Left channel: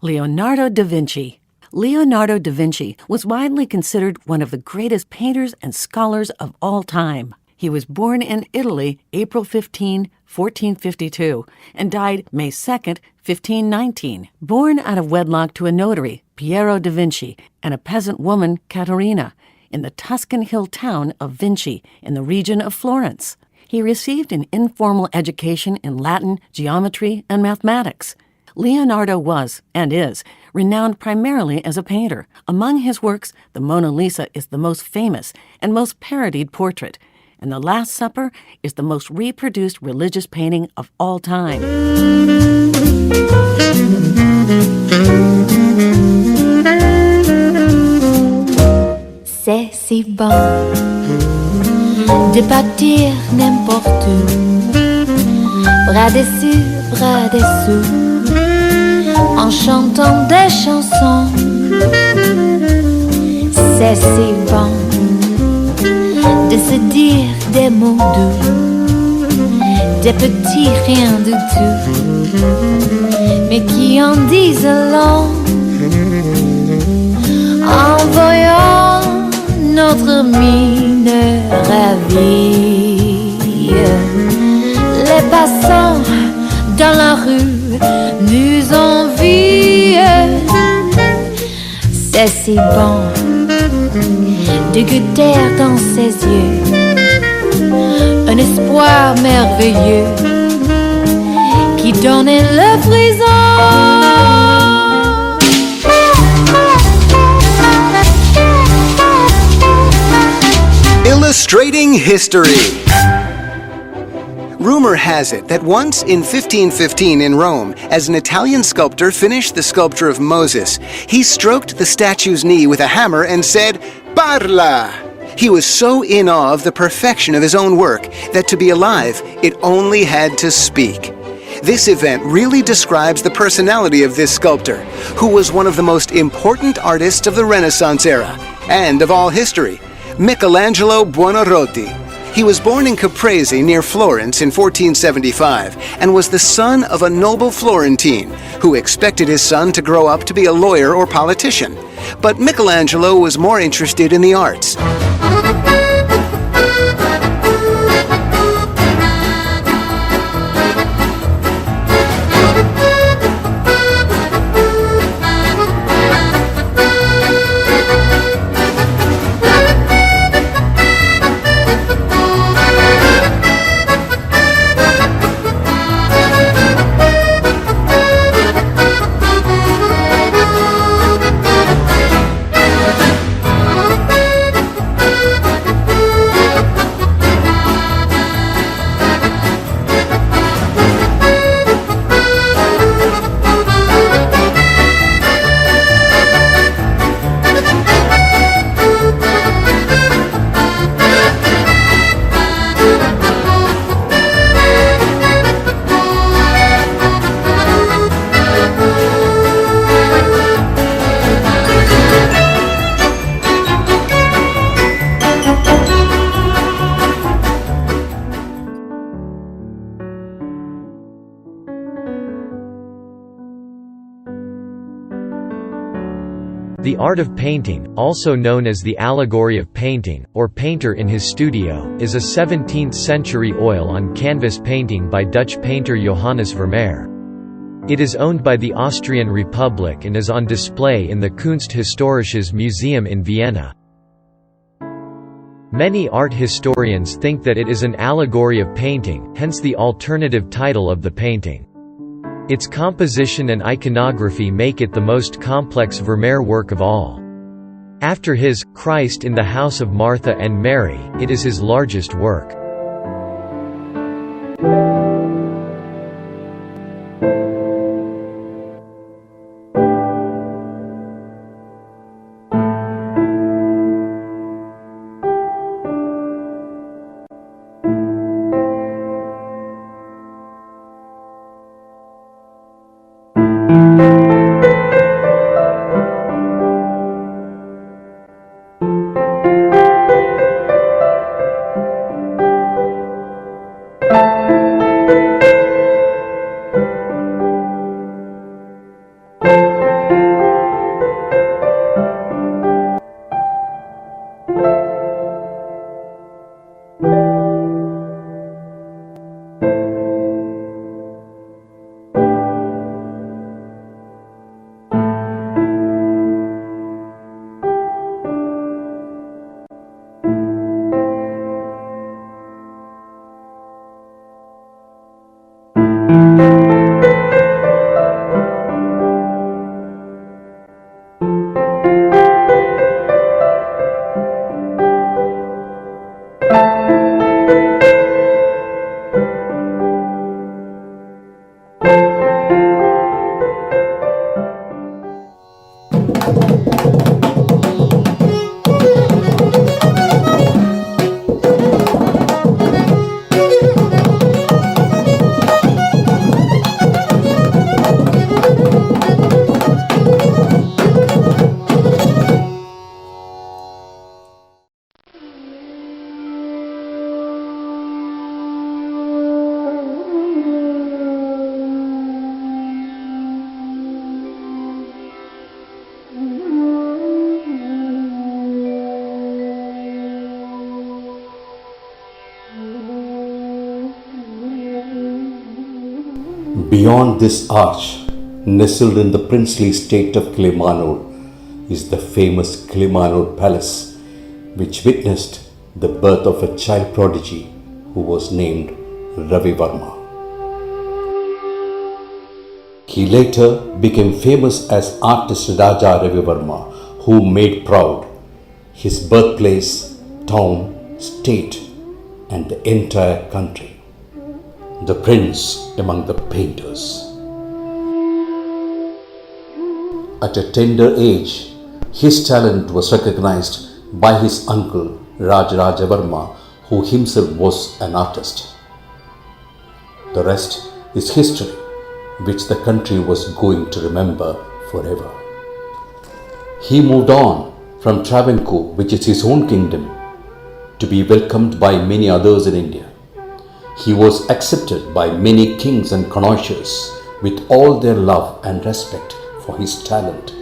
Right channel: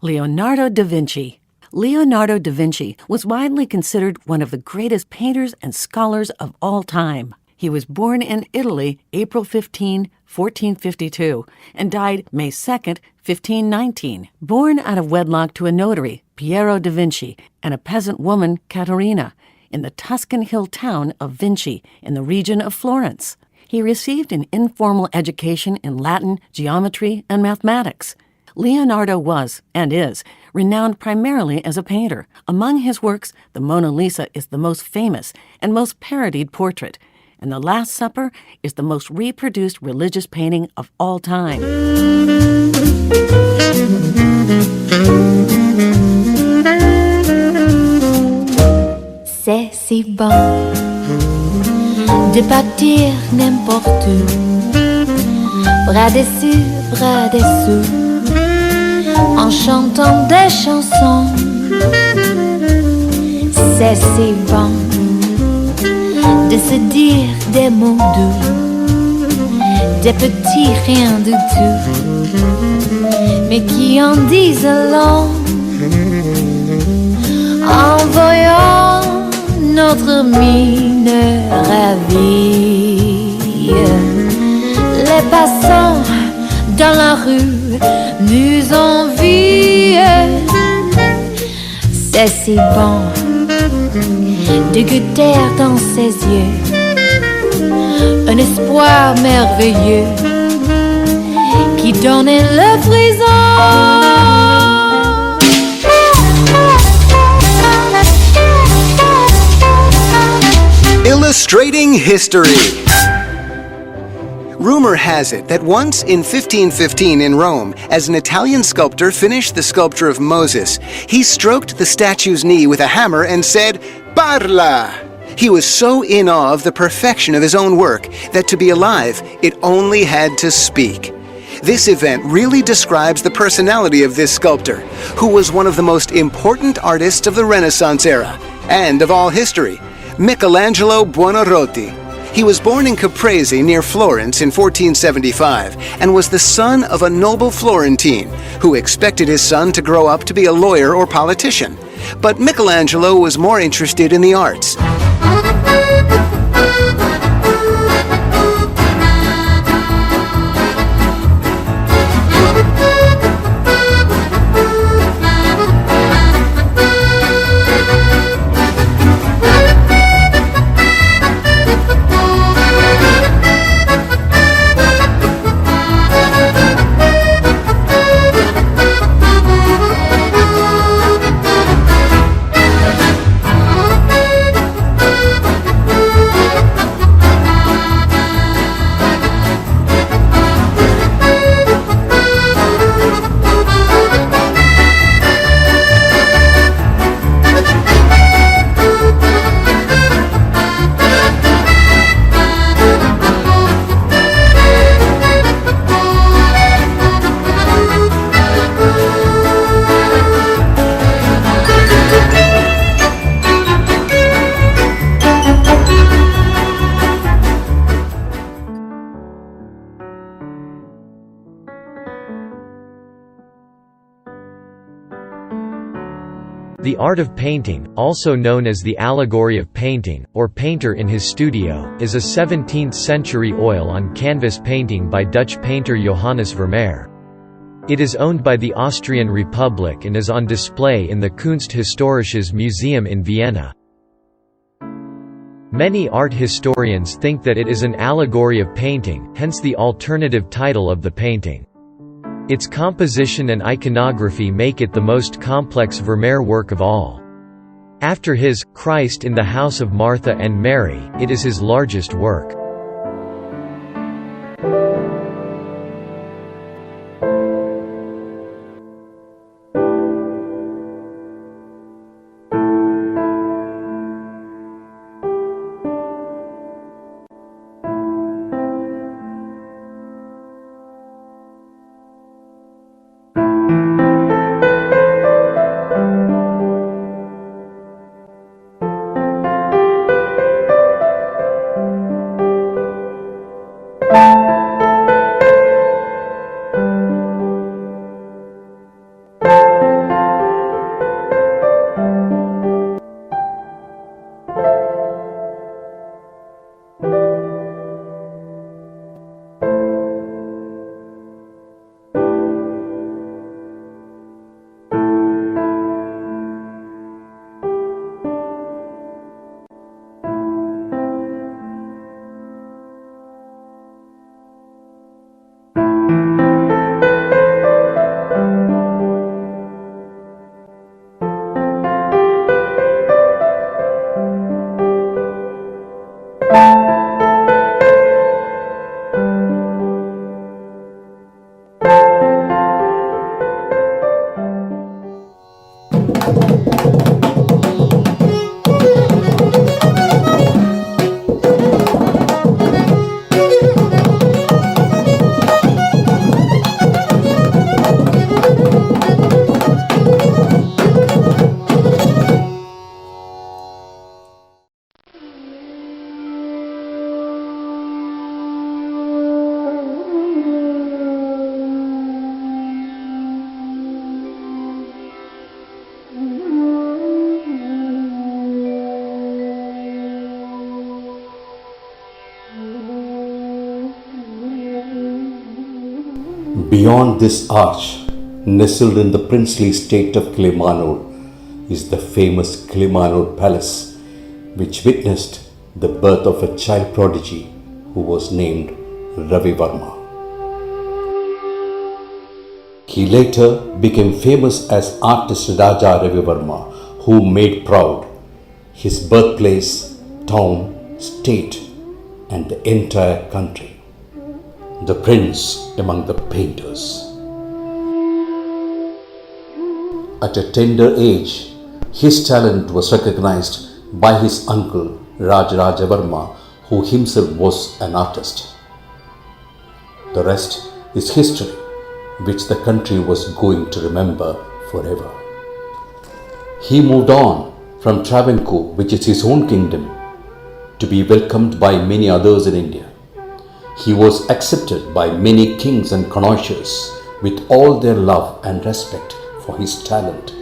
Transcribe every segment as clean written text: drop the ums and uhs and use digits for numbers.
Leonardo da Vinci. Leonardo da Vinci was widely considered one of the greatest painters and scholars of all time. He was born in Italy April 15, 1452, and died May 2, 1519. Born out of wedlock to a notary, Piero da Vinci, and a peasant woman, Caterina, in the Tuscan hill town of Vinci in the region of Florence. He received an informal education in Latin, geometry, and mathematics. Leonardo was, and is, renowned primarily as a painter. Among his works, the Mona Lisa is the most famous and most parodied portrait, and The Last Supper is the most reproduced religious painting of all time. C'est si bon de partir n'importe où, bras dessus, bras dessous, en chantant des chansons. C'est si bon de se dire des mots doux, des petits riens du tout, mais qui en disent long, en voyant notre mine ravie. Les passants dans la rue nous envient. C'est si bon de goûter dans ses yeux un espoir merveilleux qui donne le frisson. Illustrating history. Rumor has it that once in 1515 in Rome, as an Italian sculptor finished the sculpture of Moses, he stroked the statue's knee with a hammer and said, "Parla!" He was so in awe of the perfection of his own work that to be alive, it only had to speak. This event really describes the personality of this sculptor, who was one of the most important artists of the Renaissance era, and of all history, Michelangelo Buonarroti. He was born in Caprese near Florence in 1475 and was the son of a noble Florentine who expected his son to grow up to be a lawyer or politician. But Michelangelo was more interested in the arts. The art of painting, also known as the allegory of painting, or painter in his studio, is a 17th-century oil-on-canvas painting by Dutch painter Johannes Vermeer. It is owned by the Austrian Republic and is on display in the Kunsthistorisches Museum in Vienna. Many art historians think that it is an allegory of painting, hence the alternative title of the painting. Its composition and iconography make it the most complex Vermeer work of all. After his Christ in the House of Martha and Mary, it is his largest work. Beyond this arch, nestled in the princely state of Kilimanur, is the famous Kilimanur Palace, which witnessed the birth of a child prodigy who was named Ravi Varma. He later became famous as artist Raja Ravi Varma, who made proud his birthplace, town, state, and the entire country. The prince among the painters. At a tender age, his talent was recognized by his uncle Rajaraja Varma, who himself was an artist. The rest is history, which the country was going to remember forever. He moved on from Travancore, which is his own kingdom, to be welcomed by many others in India. He was accepted by many kings and connoisseurs with all their love and respect for his talent.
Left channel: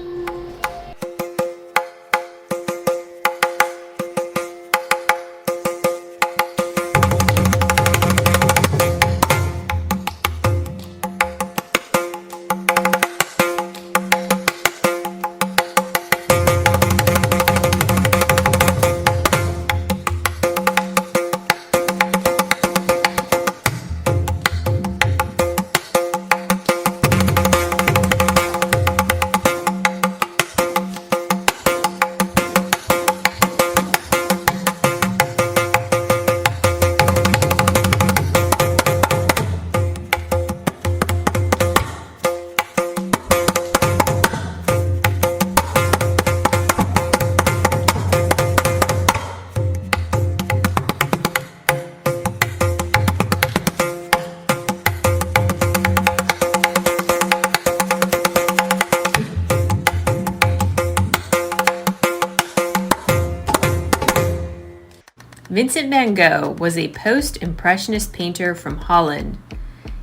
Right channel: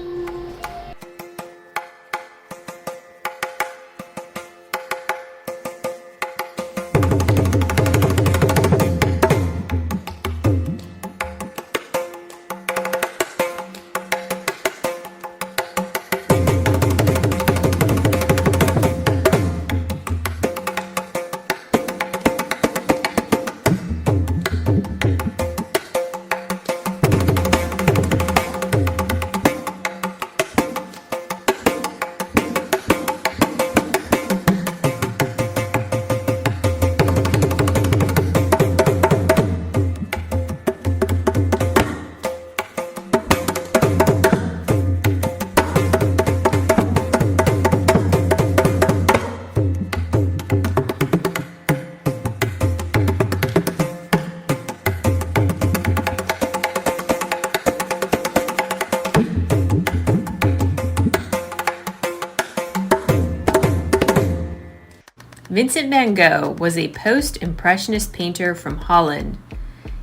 Vincent van Gogh was a post-impressionist painter from Holland.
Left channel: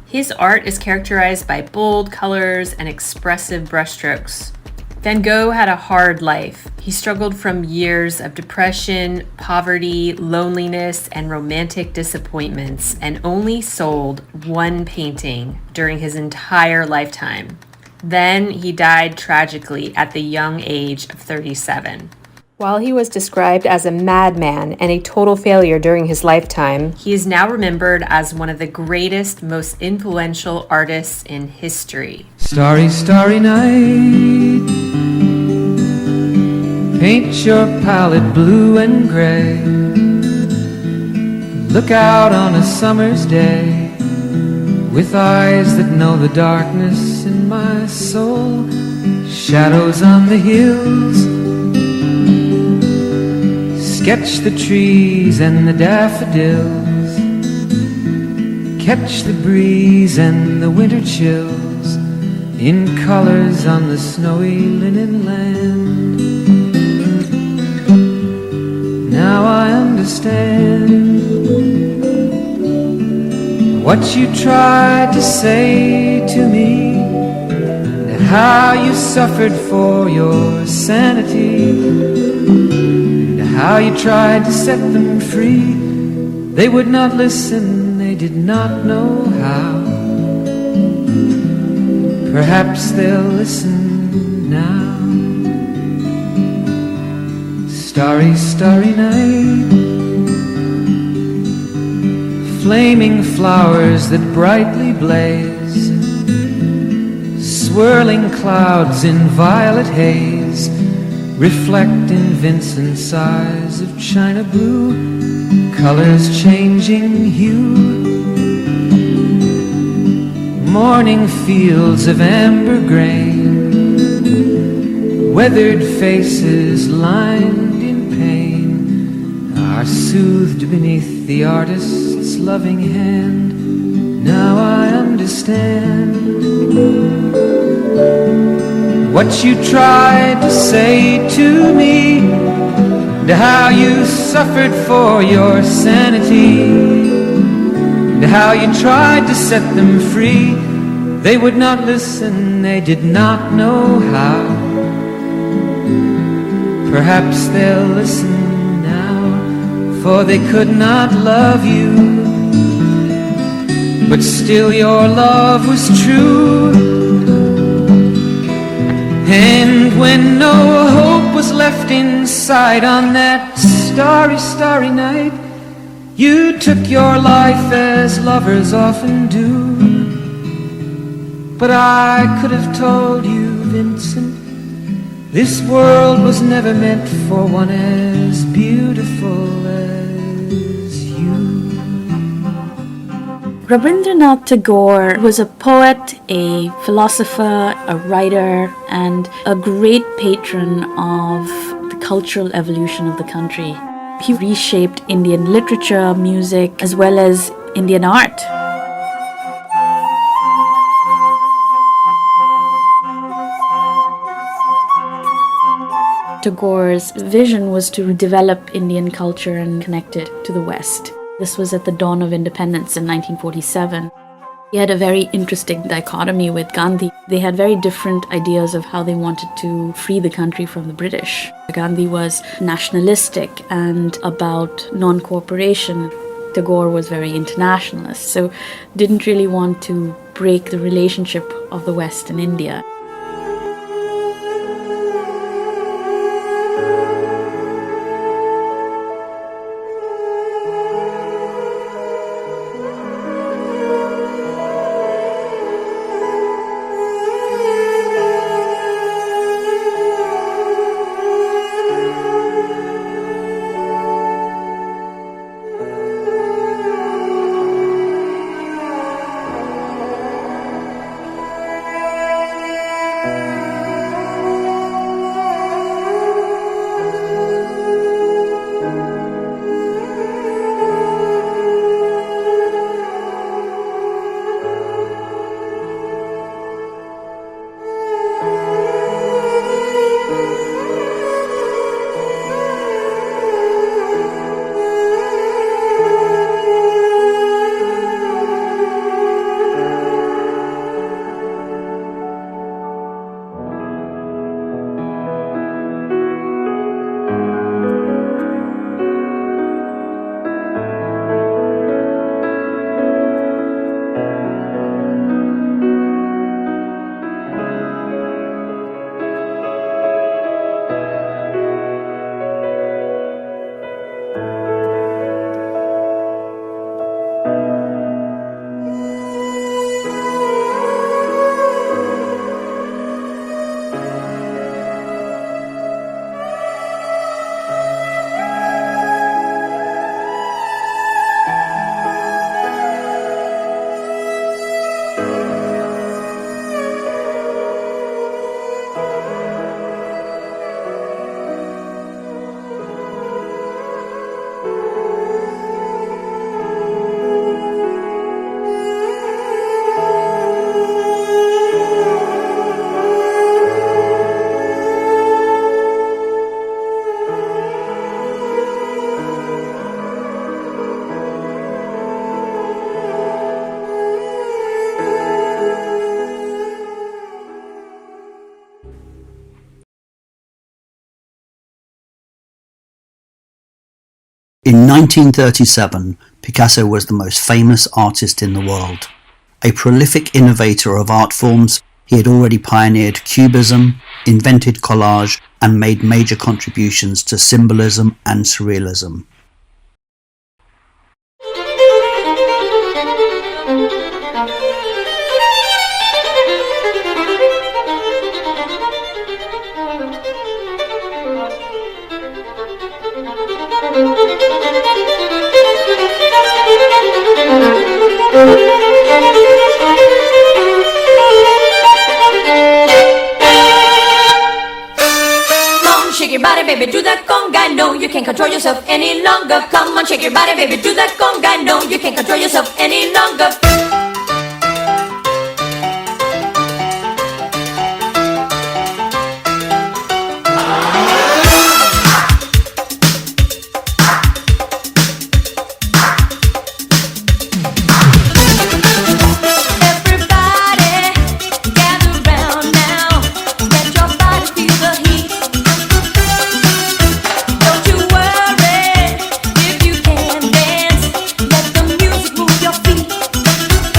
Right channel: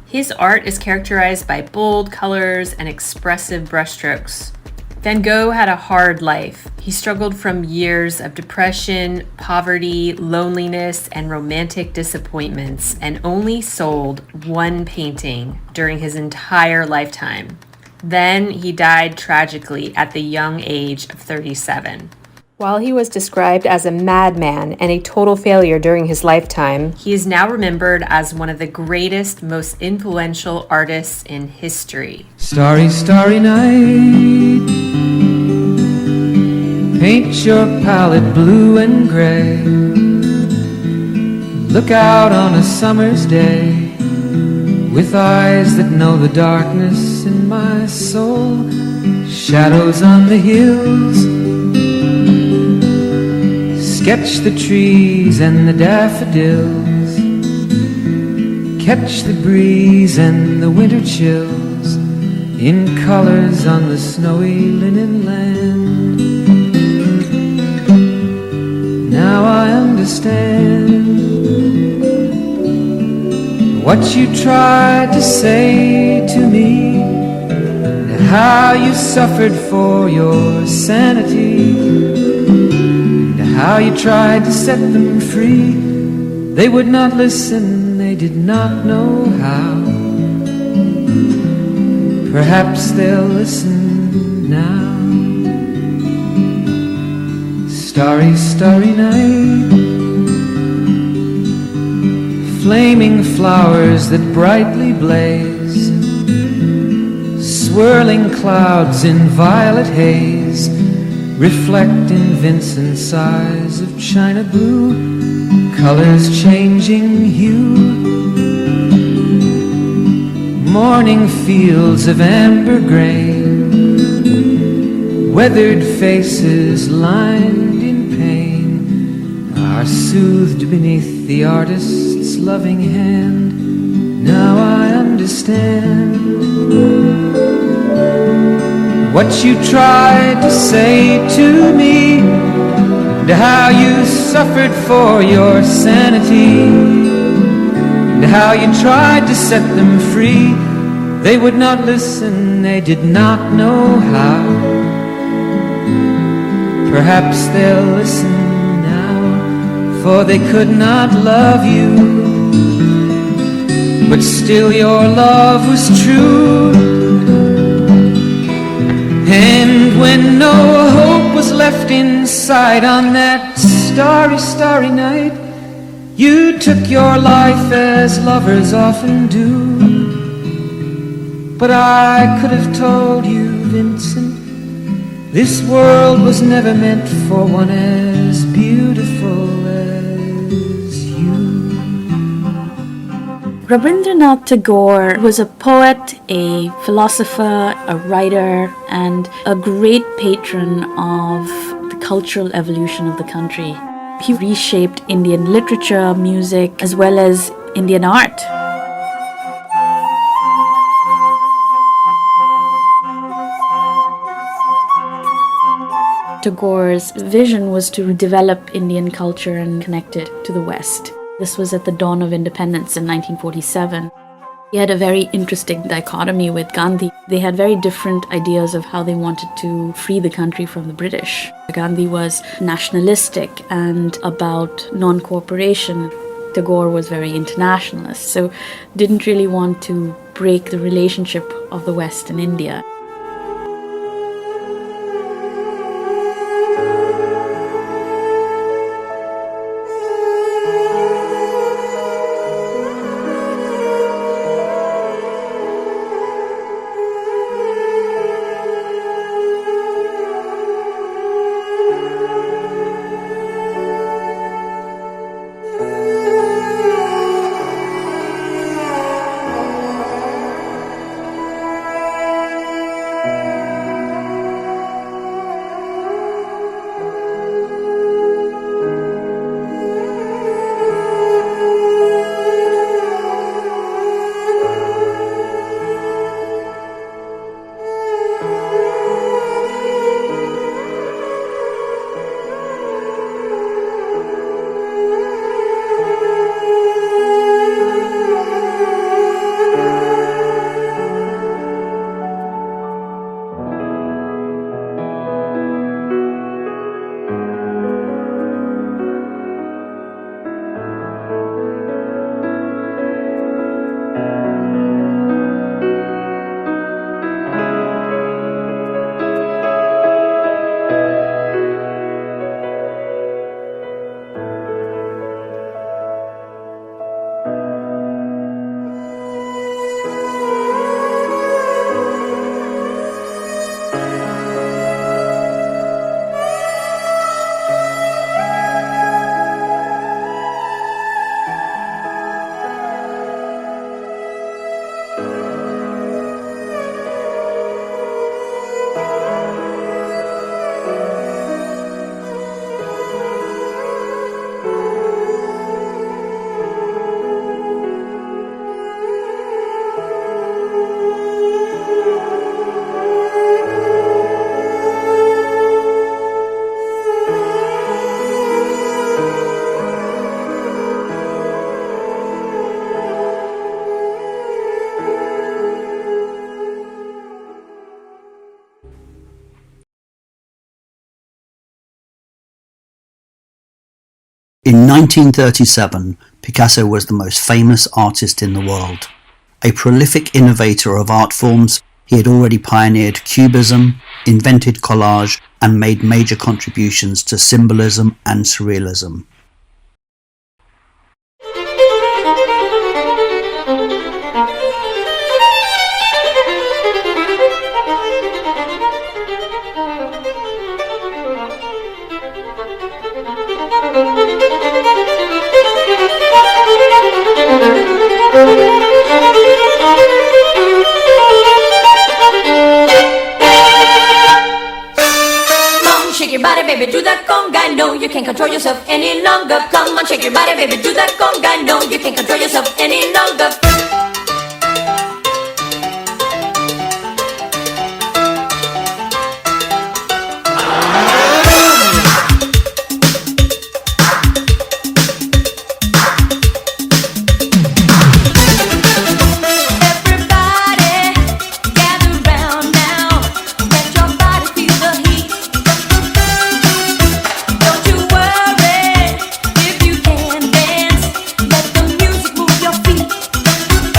His art is characterized by bold colors and expressive brushstrokes. Van Gogh had a hard life. He struggled from years of depression, poverty, loneliness, and romantic disappointments, and only sold one painting during his entire lifetime. Then he died tragically at the young age of 37. While he was described as a madman and a total failure during his lifetime, he is now remembered as one of the greatest, most influential artists in history. Starry, starry night, paint your palette blue and gray. Look out on a summer's day with eyes that know the darkness in my soul. Shadows on the hills, sketch the trees and the daffodils, catch the breeze and the winter chills in colors on the snowy linen land. Now I understand what you tried to say to me, and how you suffered for your sanity, how you tried to set them free. They would not listen, they did not know how. Perhaps they'll listen now. Starry, starry night, flaming flowers that brightly blaze, swirling clouds in violet haze, reflect in Vincent's eyes of china blue, colors changing hue. Morning fields of amber grain, weathered faces lined in pain, are soothed beneath the artist's loving hand. Now I understand what you tried to say to me, and how you suffered for your sanity, and how you tried to set them free. They would not listen, they did not know how. Perhaps they'll listen now, for they could not love you. but still your love was true. And when no hope was left inside on that starry, starry night, you took your life as lovers often do. But I could have told you, Vincent, this world was never meant for one as beautiful as you. Rabindranath Tagore was a poet, a philosopher, a writer, and a great patron of the cultural evolution of the country. He reshaped Indian literature, music, as well as Indian art. Tagore's vision was to develop Indian culture and connect it to the West. This was at the dawn of independence in 1947. He had a very interesting dichotomy with Gandhi. They had very different ideas of how they wanted to free the country from the British. Gandhi was nationalistic and about non-cooperation. Tagore was very internationalist, so didn't really want to break the relationship of the West and India. In 1937, Picasso was the most famous artist in the world. A prolific innovator of art forms, he had already pioneered Cubism, invented collage, and made major contributions to symbolism and surrealism. Shake your body, baby, do that conga. No, you can't control yourself any longer. Come on, shake your body, baby, do that conga. No, you can't control yourself any longer. Your feet.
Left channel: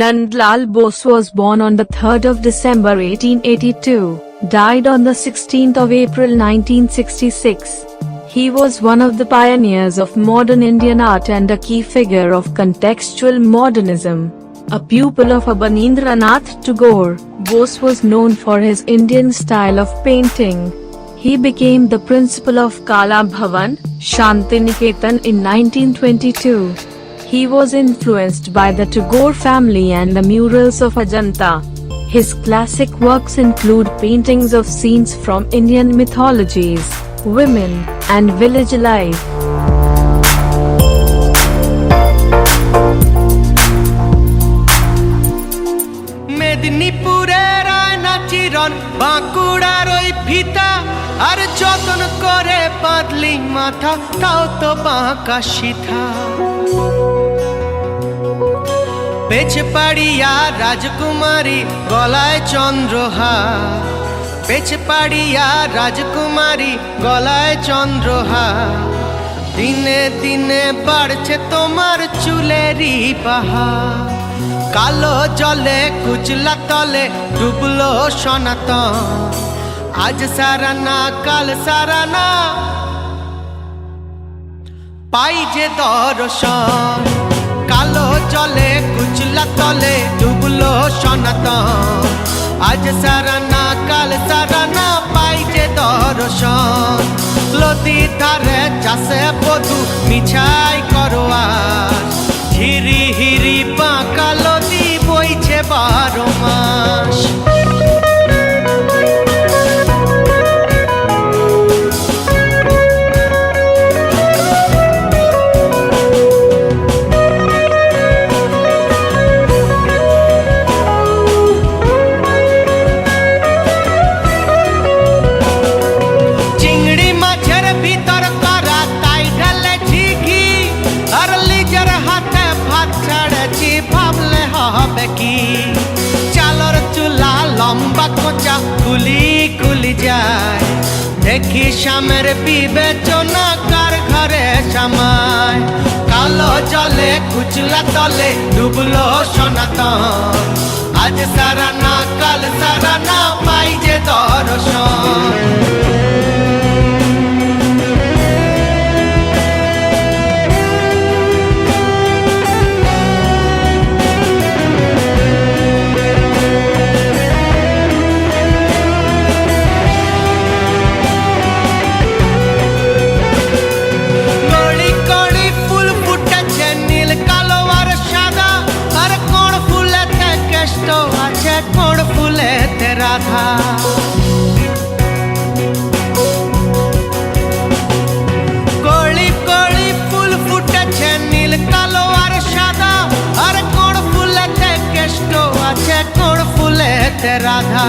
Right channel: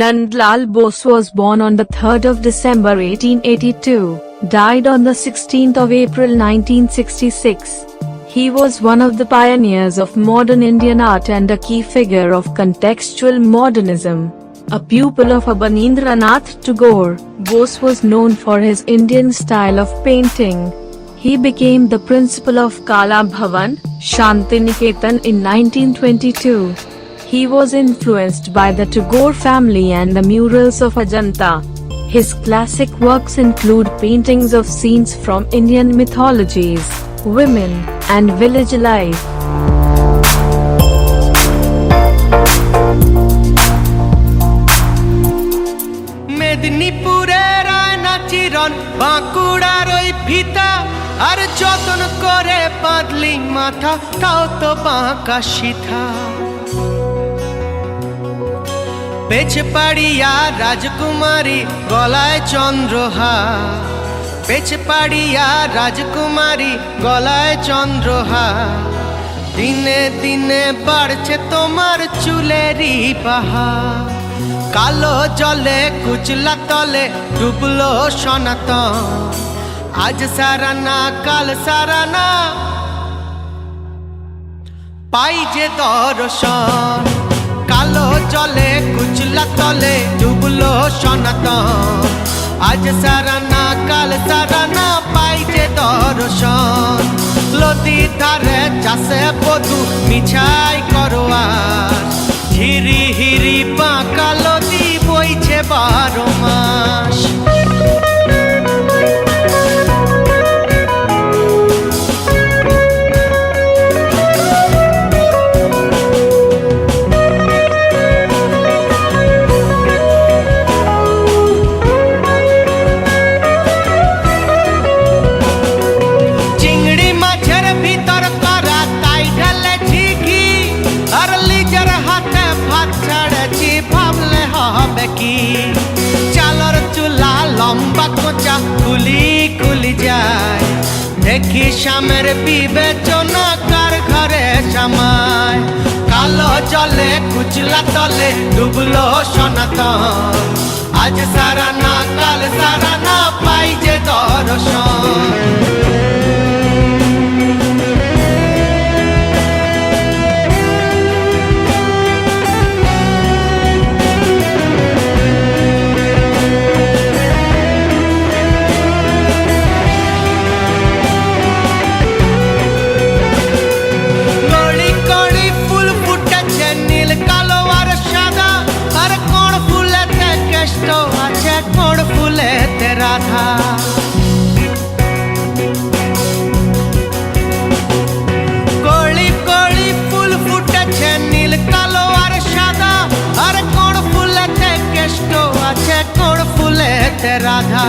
Nandalal Bose was born on the 3rd of December 1882, died on the 16th of April 1966. He was one of the pioneers of modern Indian art and a key figure of contextual modernism. A pupil of Rabindranath Tagore, Bose was known for his Indian style of painting. He became the principal of Kala Bhavan, Shantiniketan in 1922. He was influenced by the Tagore family and the murals of Ajanta. His classic works include paintings of scenes from Indian mythologies, women, and village life. মেদিনীপুরের আয়না চিরন বাঁকুড়ার ওই ফিতা আর যতন করে বাঁধলি মাথা তাও তো বাঁকা সিথা পেছে পাড়িয়া রাজকুমারী গলায় চন্দ্রহার পেছে পাড়িয়া রাজকুমারী গলায় চন্দ্রহার দিনে দিনে বাড়ছে তোমার চুলেরই বাহার কালো জলে কুচলা তলে ডুবলো সনাতন আজ সারানা কাল সারানা পাই যে দর্শন কালো জলে কুচলা তলে ডুবলো সনাতন আজ সারানা কাল সারানা পাই যে দর্শন নদীর ধারে চাষে বধু মিছাই করোয়ার হিরি হিরি বাঁকা নদী বইছে 12 মাস চিংড়ি মাছের ভিতর করা তাই ঢালেছি ঘি আর লিজার হাতে ভাত ছাড়েছি ভাবলে হবে কি চালর চুলা লম্বা কোচা কুলি কুলি যায় দেখি স্বামের বিবেচনা কার ঘরে সামায় কালো জলে কুচলা তলে ডুবলো সনাতন আজ সারানা কাল সারানা পাই যে দর্শন আছে কোন ফুলেতে রাধা কলি কলি ফুল ফুটেছে নীল কালো আর সাদা আর কোন ফুলেতে কেষ্ট আছে কোন ফুলেতে রাধা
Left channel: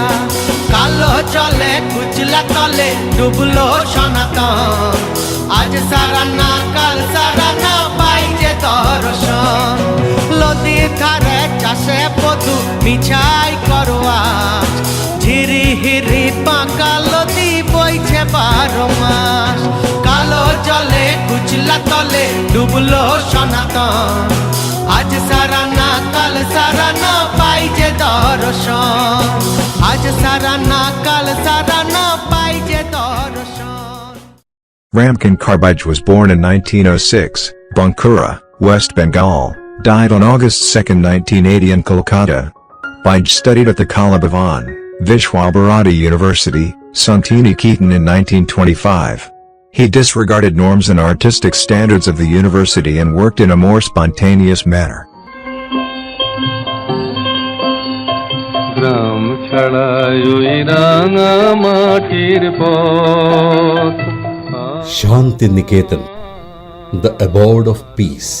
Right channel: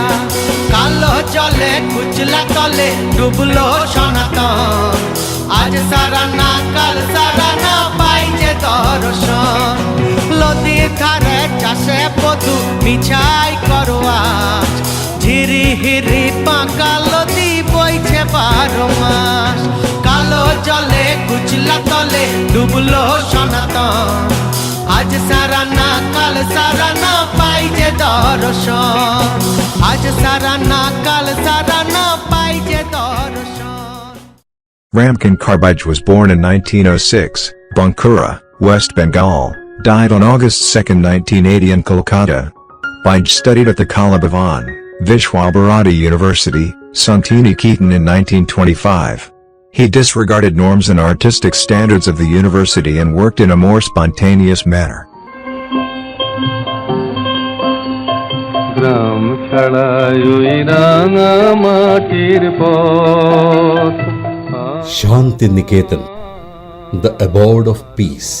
কালো জলে কুচলা তলে ডুবলো সনাতন আজ সারানা কাল সারানা পাই যে দর্শন নদীর ধারে চাষে বধু মিছাই করোয়াজ ঝিরি হিরি বাঁকা নদী বইছে 12 মাস কালো জলে কুচলা তলে ডুবলো সনাতন আজ সারানা কাল সারানা পাই যে দর্শন আজ সারানা কাল সারানা পাই যে দর্শন Ramkin Karbaj was born in 1906, Bankura, West Bengal, died on August 2, 1980 in Kolkata. Baj studied at the Kala Bhavan, Vishwabharati University, Santiniketan in 1925. He disregarded norms and artistic standards of the university and worked in a more spontaneous manner. Shantiniketan, the abode of peace.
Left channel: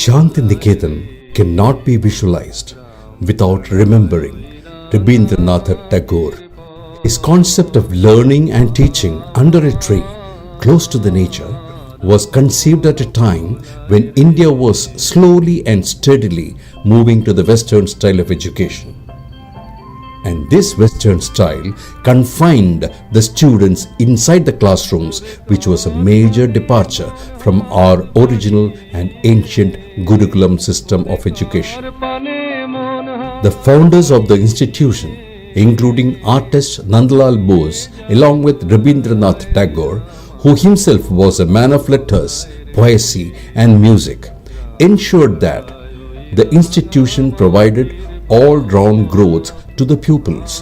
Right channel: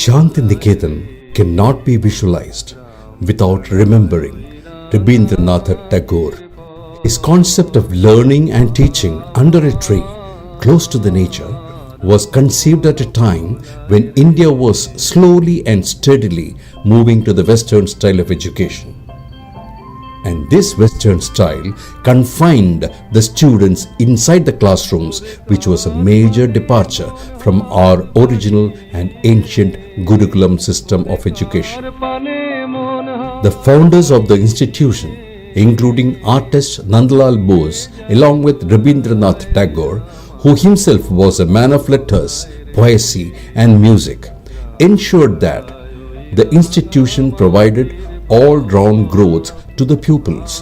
Shantiniketan cannot be visualized without remembering Rabindranath Tagore. His concept of learning and teaching under a tree, close to the nature, was conceived at a time when India was slowly and steadily moving to the Western style of education. And this Western style confined the students inside the classrooms, which was a major departure from our original and ancient Gurukulam system of education. The founders of the institution, including artist Nandalal Bose along with Rabindranath Tagore, who himself was a man of letters, poesy and music, ensured that the institution provided all-round growth to the pupils.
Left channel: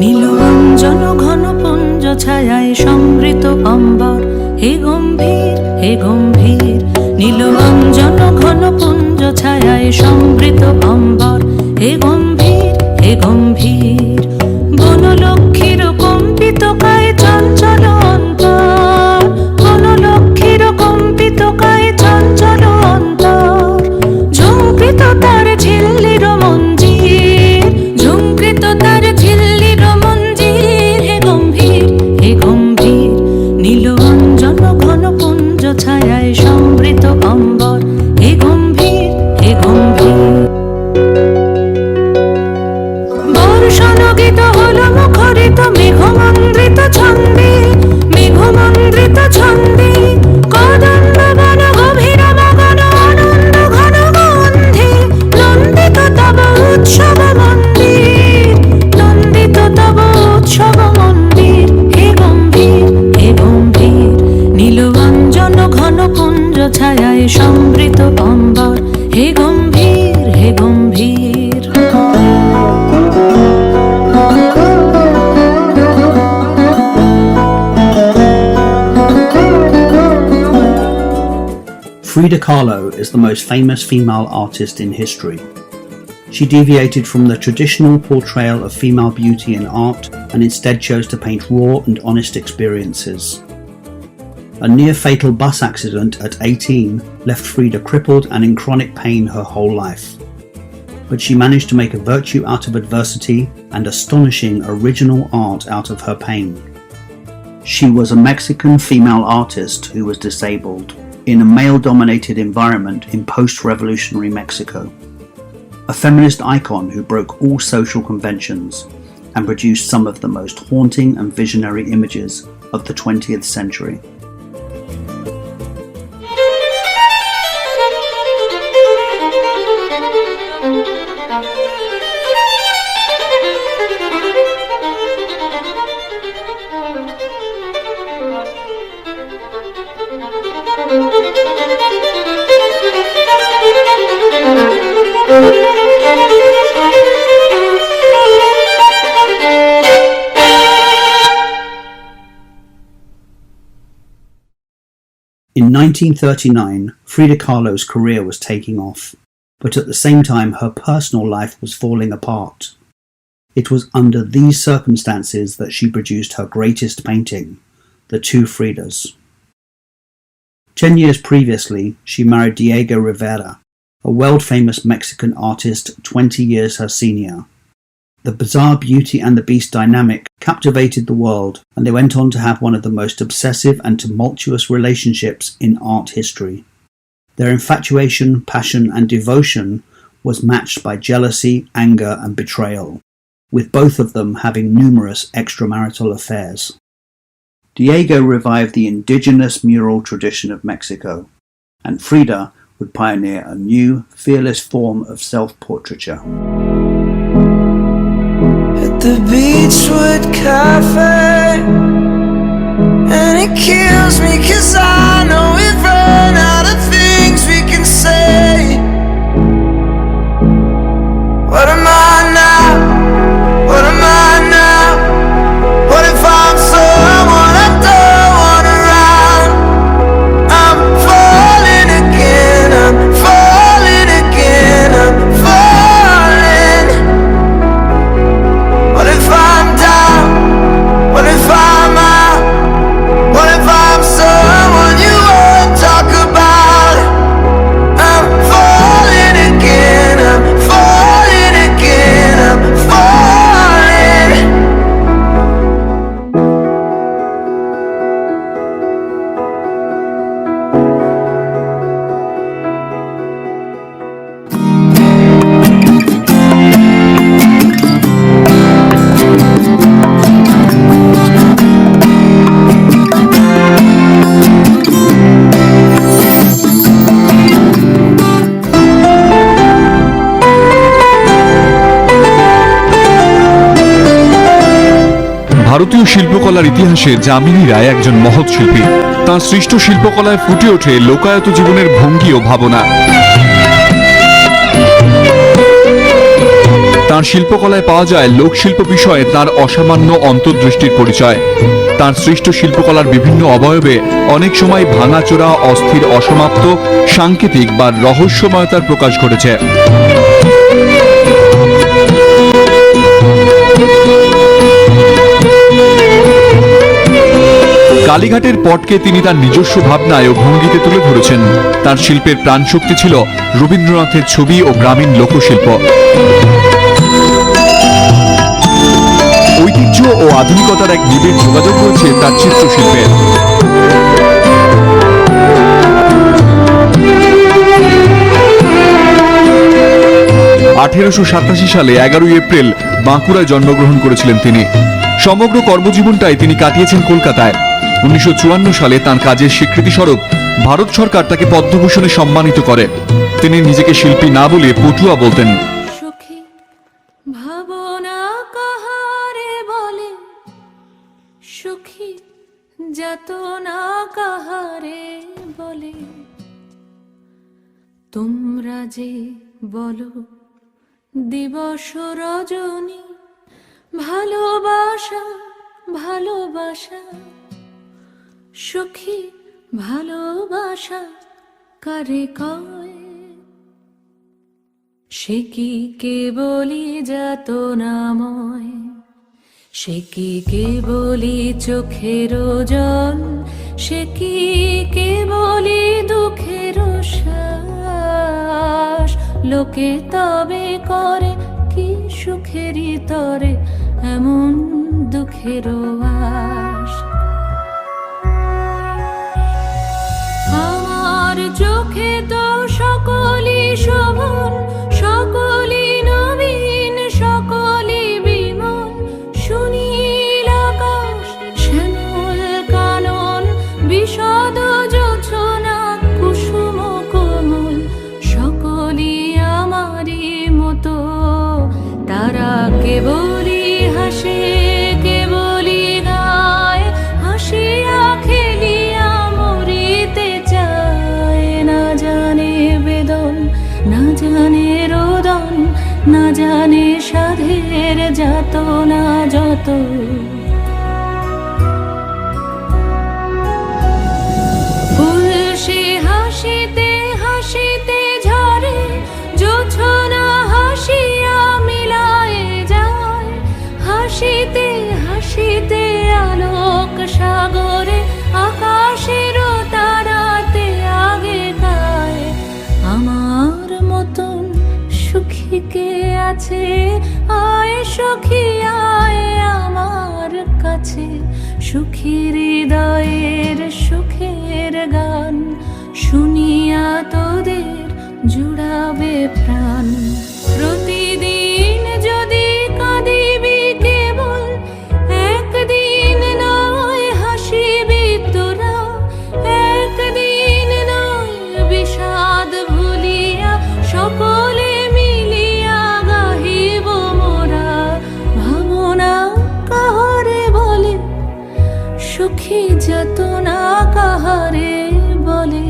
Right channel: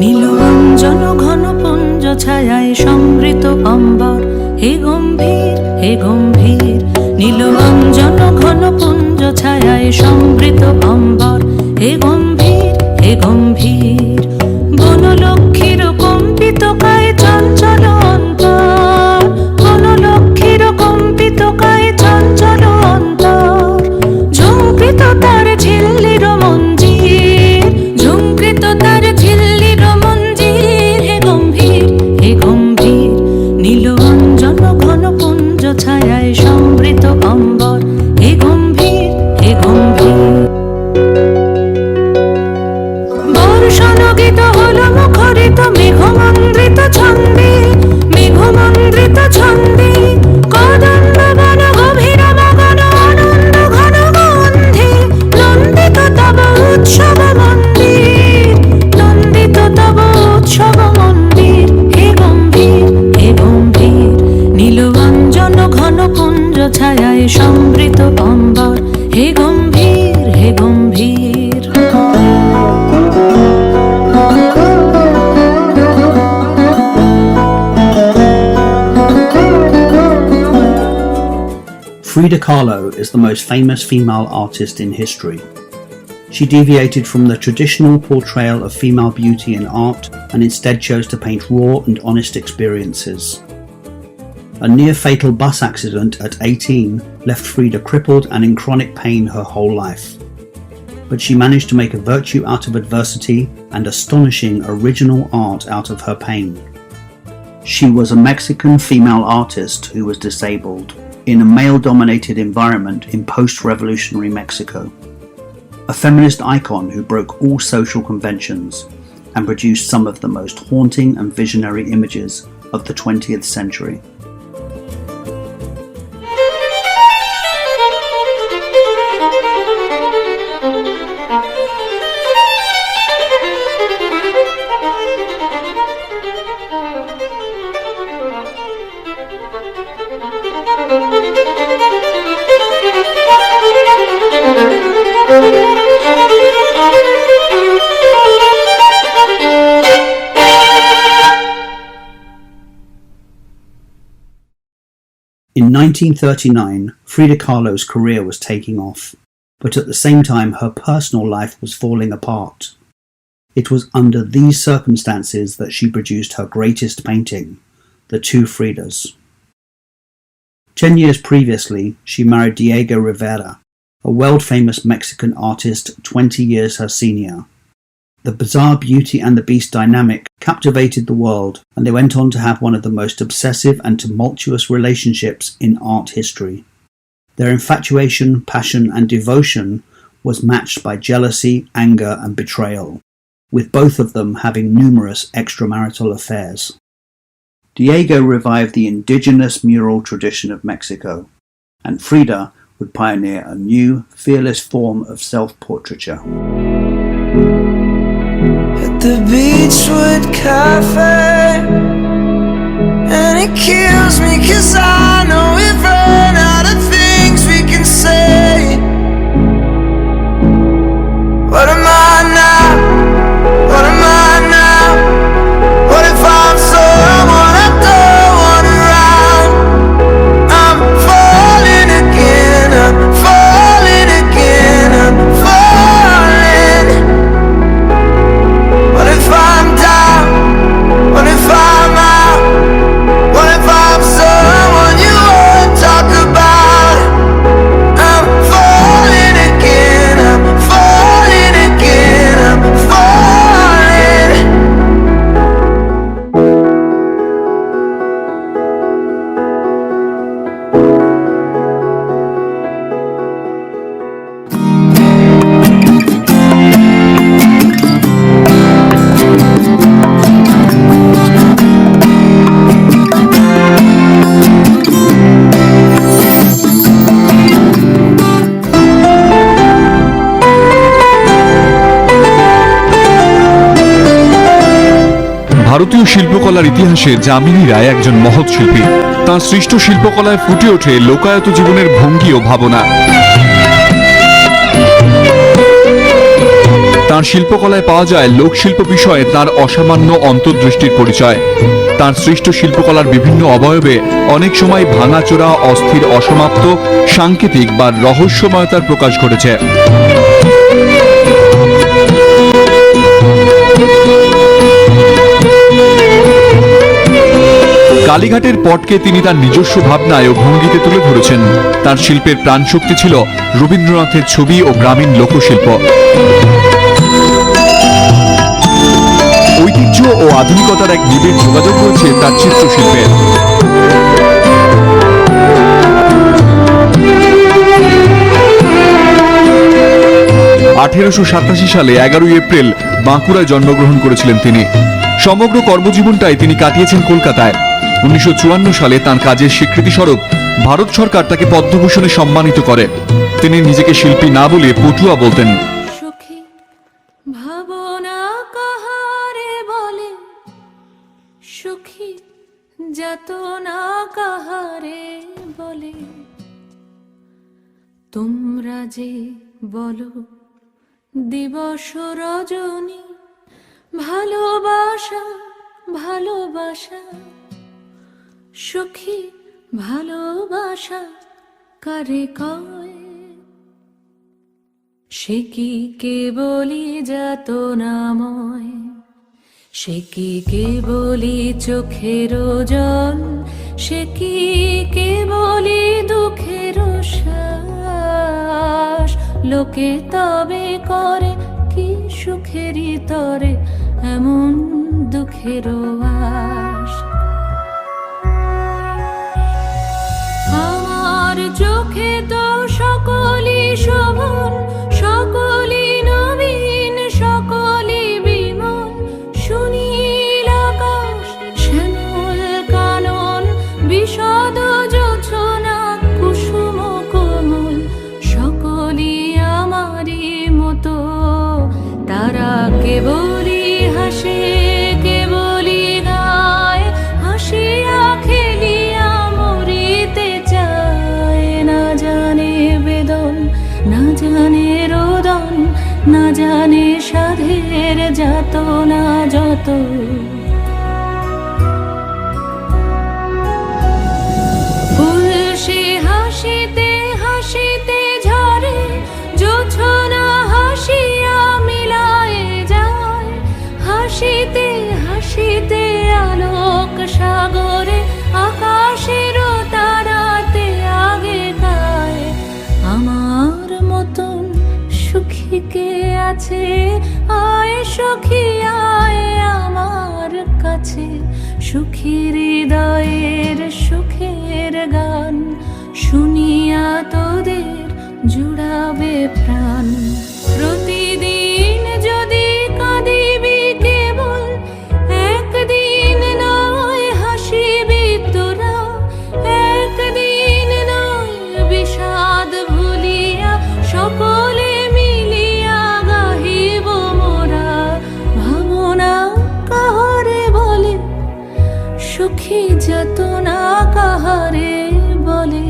Nilanjan ঘন পুঞ্জ ছায়ায় সমৃত অম্বর হে গম্ভীর হে গম্ভীর নীলঞ্জন ঘন পুঞ্জ ছায়ায় সমৃত অম্বর হে গম্ভীর হে গম্ভীর বনলক্ষ্মীর কম্পিত কায় চঞ্চল অন্তর বনলক্ষ্মীর কম্পিত কায় চঞ্চল অন্তর ঝুঁকৃত তার ঝিল্লির মঞ্জির ঝুঁকৃত তার ঝিল্লির মঞ্জির হে গম্ভীর নীল অঞ্জন ঘন পুঞ্জ ছায়ায় সমৃত অম্বর হে গম্ভীর হে গম্ভীর বর্ষণ গীত হল মুখরিত মেঘমন্দ্রিত ছন্দে মেঘমন্দ্রিত ছন্দে কদম্ব বন গভীর মগন আনন্দ ঘন গন্ধে নন্দিত তব উৎসব মন্দির নন্দিত তব উৎসব মন্দির হে গম্ভীর নীল অঞ্জন ঘন পুঞ্জ ছায়ায় সমৃত অম্বর হে গম্ভীর হে গম্ভীর Frida Kahlo is the most famous female artist in history. She deviated from the traditional portrayal of female beauty in art and instead chose to paint raw and honest experiences. A near-fatal bus accident at 18 left Frida crippled and in chronic pain her whole life. But she managed to make a virtue out of adversity and astonishing original art out of her pain. She was a Mexican female artist who was disabled in a male-dominated environment in post-revolutionary Mexico. A feminist icon who broke all social conventions and produced some of the most haunting and visionary images of the 20th century. In 1939, Frida Kahlo's career was taking off, but at the same time her personal life was falling apart. It was under these circumstances that she produced her greatest painting, The Two Fridas. 10 years previously, she married Diego Rivera, a world-famous Mexican artist 20 years her senior. The bizarre Beauty and the Beast dynamic captivated the world, and they went on to have one of the most obsessive and tumultuous relationships in art history. Their infatuation, passion, and devotion was matched by jealousy, anger, and betrayal, with both of them having numerous extramarital affairs. Diego revived the indigenous mural tradition of Mexico, and Frida would pioneer a new, fearless form of self-portraiture. At the Beachwood Cafe, and it kills me 'cause I know we've run out of things we can say. What am I now? What am I now? What if I'm someone I don't want around? I'm falling again, I'm falling again, I'm falling. What if I'm down? What if I'm out? What if I'm someone you won't talk about? ভারতীয় শিল্পকলার ইতিহাসে যামিনী রায় একজন মহৎ শিল্পী। তাঁর সৃষ্ট শিল্পকলায় ফুটে ওঠে লোকায়ত জীবনের ভঙ্গি ও ভাবনা। তাঁর শিল্পকলায় পাওয়া যায় লোকশিল্প বিষয়ে তাঁর অসামান্য অন্তর্দৃষ্টির পরিচয়। তাঁর সৃষ্ট শিল্পকলার বিভিন্ন অবয়বে অনেক সময় ভাঙাচোরা, অস্থির, অসমাপ্ত, সাংকেতিক বা রহস্যময়তার প্রকাশ ঘটেছে। কালীঘাটের পটকে তিনি তার নিজস্ব ভাবনায় ও ভঙ্গিতে তুলে ধরেছেন। তার শিল্পের প্রাণশক্তি ছিল রবীন্দ্রনাথের ছবি ও গ্রামীণ লোকশিল্প। ঐতিহ্য ও আধুনিকতার এক নিবিড় যোগাযোগ রয়েছে তার চিত্রশিল্পে। 1887 সালে 11 এপ্রিল বাঁকুড়ায় জন্মগ্রহণ করেছিলেন তিনি। সমগ্র কর্মজীবনটাই তিনি কাটিয়েছেন কলকাতায়। 1954 সালে তাঁর কাজের স্বীকৃতিস্বরূপ ভারত সরকার তাকে পদ্মভূষণে সম্মানিত করে। তিনি নিজেকে শিল্পী না বলে পটুয়া বলতেন। ভাবনা কাহারে বলে, সুখী যাতনা কাহারে বলে, তোমরা যে বলো দিবস রজনী, ভালোবাসা ভালোবাসা, সুখী ভালোবাসা কারে কয়, সে কি কেবলি যাতনাময়, সে কি কেবলি চোখের জল, সে কি কেবলি দুঃখের শ্বাস, লোকে তবে করে কি সুখেরই তরে এমন দুঃখের আশ। আমার চোখে তো সকলই শোভন, সকলই নবীন, সকলই বিমল, সুনীল আকাশ, শ্যামল কানন, বিশদ জোছনা, কুসুম কোমল, সকলই আমারই মতো। তারা কেবলই হাসে, কেবলই গায়, হাসিয়া খেলিয়া মরিতে চায়। না জানে বেদন, না জানে রোদন, না জানে সাধের যাতনা যত। ফুল সে হাসিতে হাসিতে ঝরে, জোছনা হাসিয়া মিলায়ে যায়, হাসিতে হাসিতে আলোক সাগরে, আকাশের তারাতে আগে গায়। আমার মতন সুখী কে আছে, আয় সখী আয় আমার কাছে, সুখী হৃদয়ের সুখের গান, শুনিয়া তোদের জুড়াবে প্রাণ। প্রতিদিন যদি কাঁদিবি কেবল, একদিন নয় হাসিবি তোরা, একদিন নয় বিষাদ ভুলিয়া, সকলে মিলিয়া গাহিব মোরা। ভাবনা কাহারে বলে, সুখী যাতনা কাহারে বলে,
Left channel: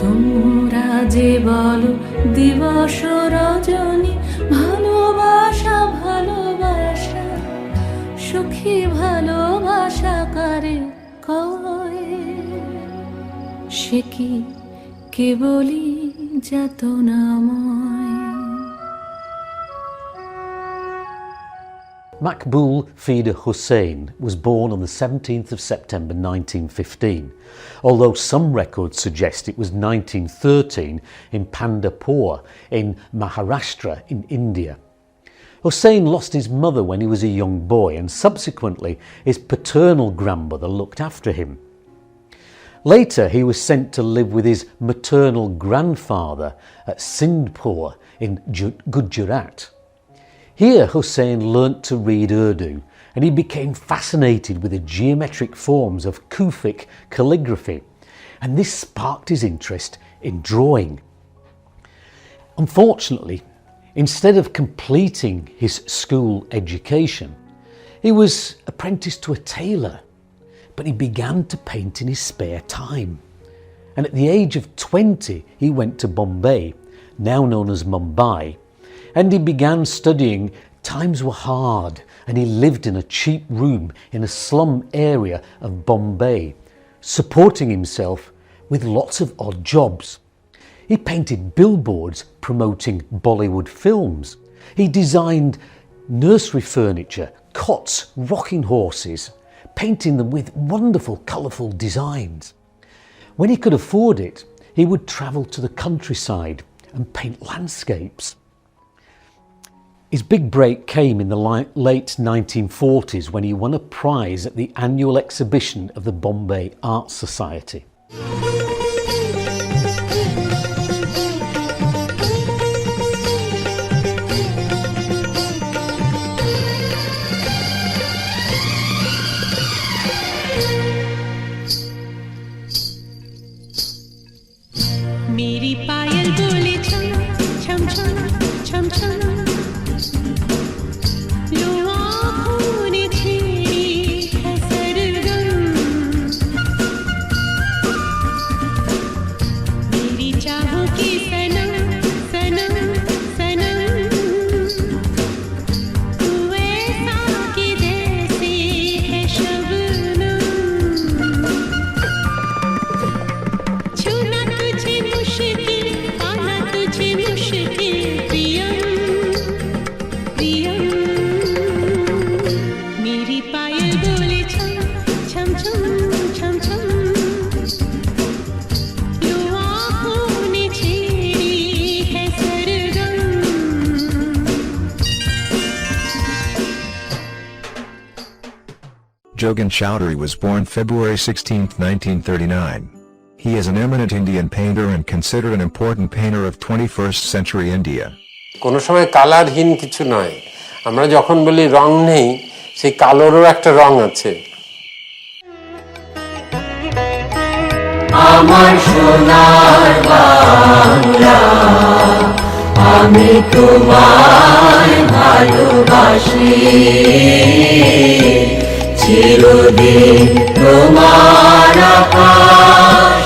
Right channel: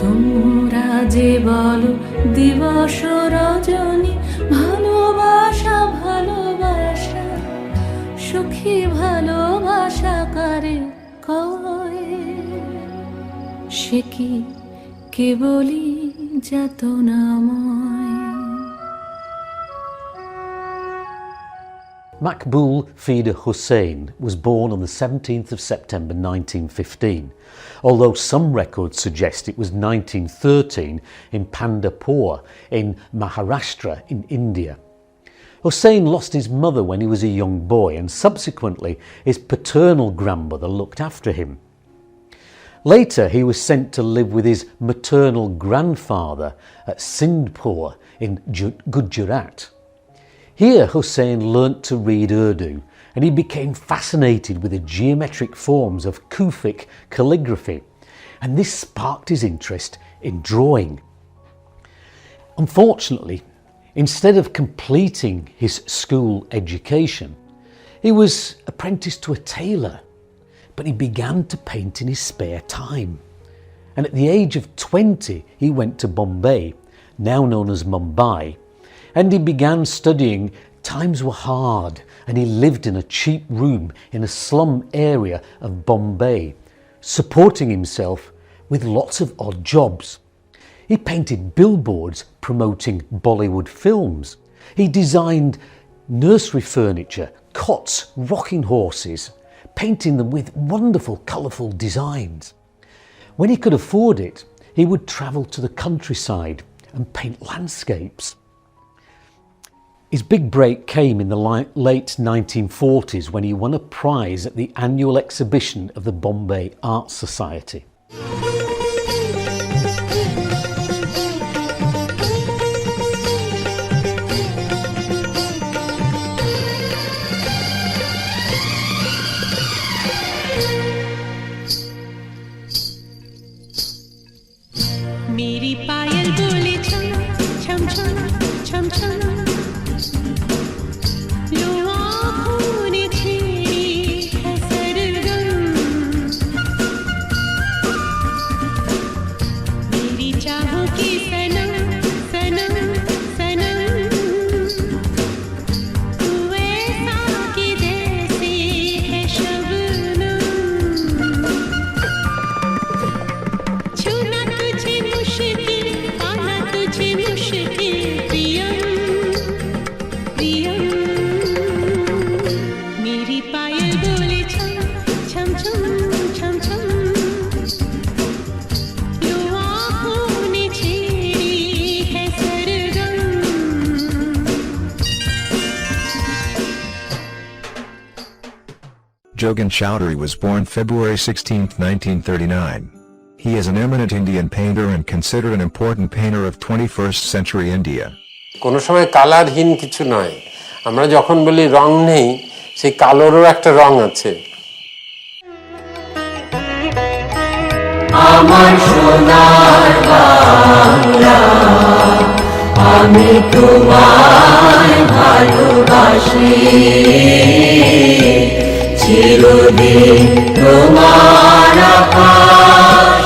তোমরা যে বলো দিবস রজনী, ভালোবাসা ভালোবাসা, সুখী ভালোবাসা কারে কয়, সে কি কেবলি যাতনাময়। Maqbool Frida Husain was born on the 17th of September 1915, although some records suggest it was 1913 in Pandharpur in Maharashtra in India. Husain lost his mother when he was a young boy, and subsequently his paternal grandmother looked after him. Later he was sent to live with his maternal grandfather at Sindhpur in Gujarat. Here Husain learnt to read Urdu, and he became fascinated with the geometric forms of Kufic calligraphy, and this sparked his interest in drawing. Unfortunately, instead of completing his school education, He was apprenticed to a tailor, but he began to paint in his spare time. And at the age of 20, he went to Bombay, now known as Mumbai, and he began studying. Times were hard, and he lived in a cheap room in a slum area of Bombay, supporting himself with lots of odd jobs. He painted billboards promoting Bollywood films. He designed nursery furniture, cots, rocking horses, painting them with wonderful, colourful designs. When he could afford it, he would travel to the countryside and paint landscapes. His big break came in the late 1940s when he won a prize at the annual exhibition of the Bombay Art Society. मेरी पायल बोले छम छम छम छम छम लो आँखों ने छेड़ी है सरगम मेरी चाहों की सनम सनम सनम तू ऐसा कि जैसे है शबनम छूना तुझे मुश्किल पाना तुझे मुश्किल प्रियम प्रियम मेरी पायल बोले छम छम छम छम छम लो आँखों ने छेड़ी है सरगम Jogan Chowdhury was born February 16, 1939. He is an eminent Indian painter and considered an important painter of 21st century India. কোনো সময় কালারহীন কিছু নয়, আমরা যখন বলি রং নেই, সেই কালোরও একটা রং আছে। আমার সোনার বাংলা আমি তোমায় ভালোবাসি চিরদিন তোমার আকাশ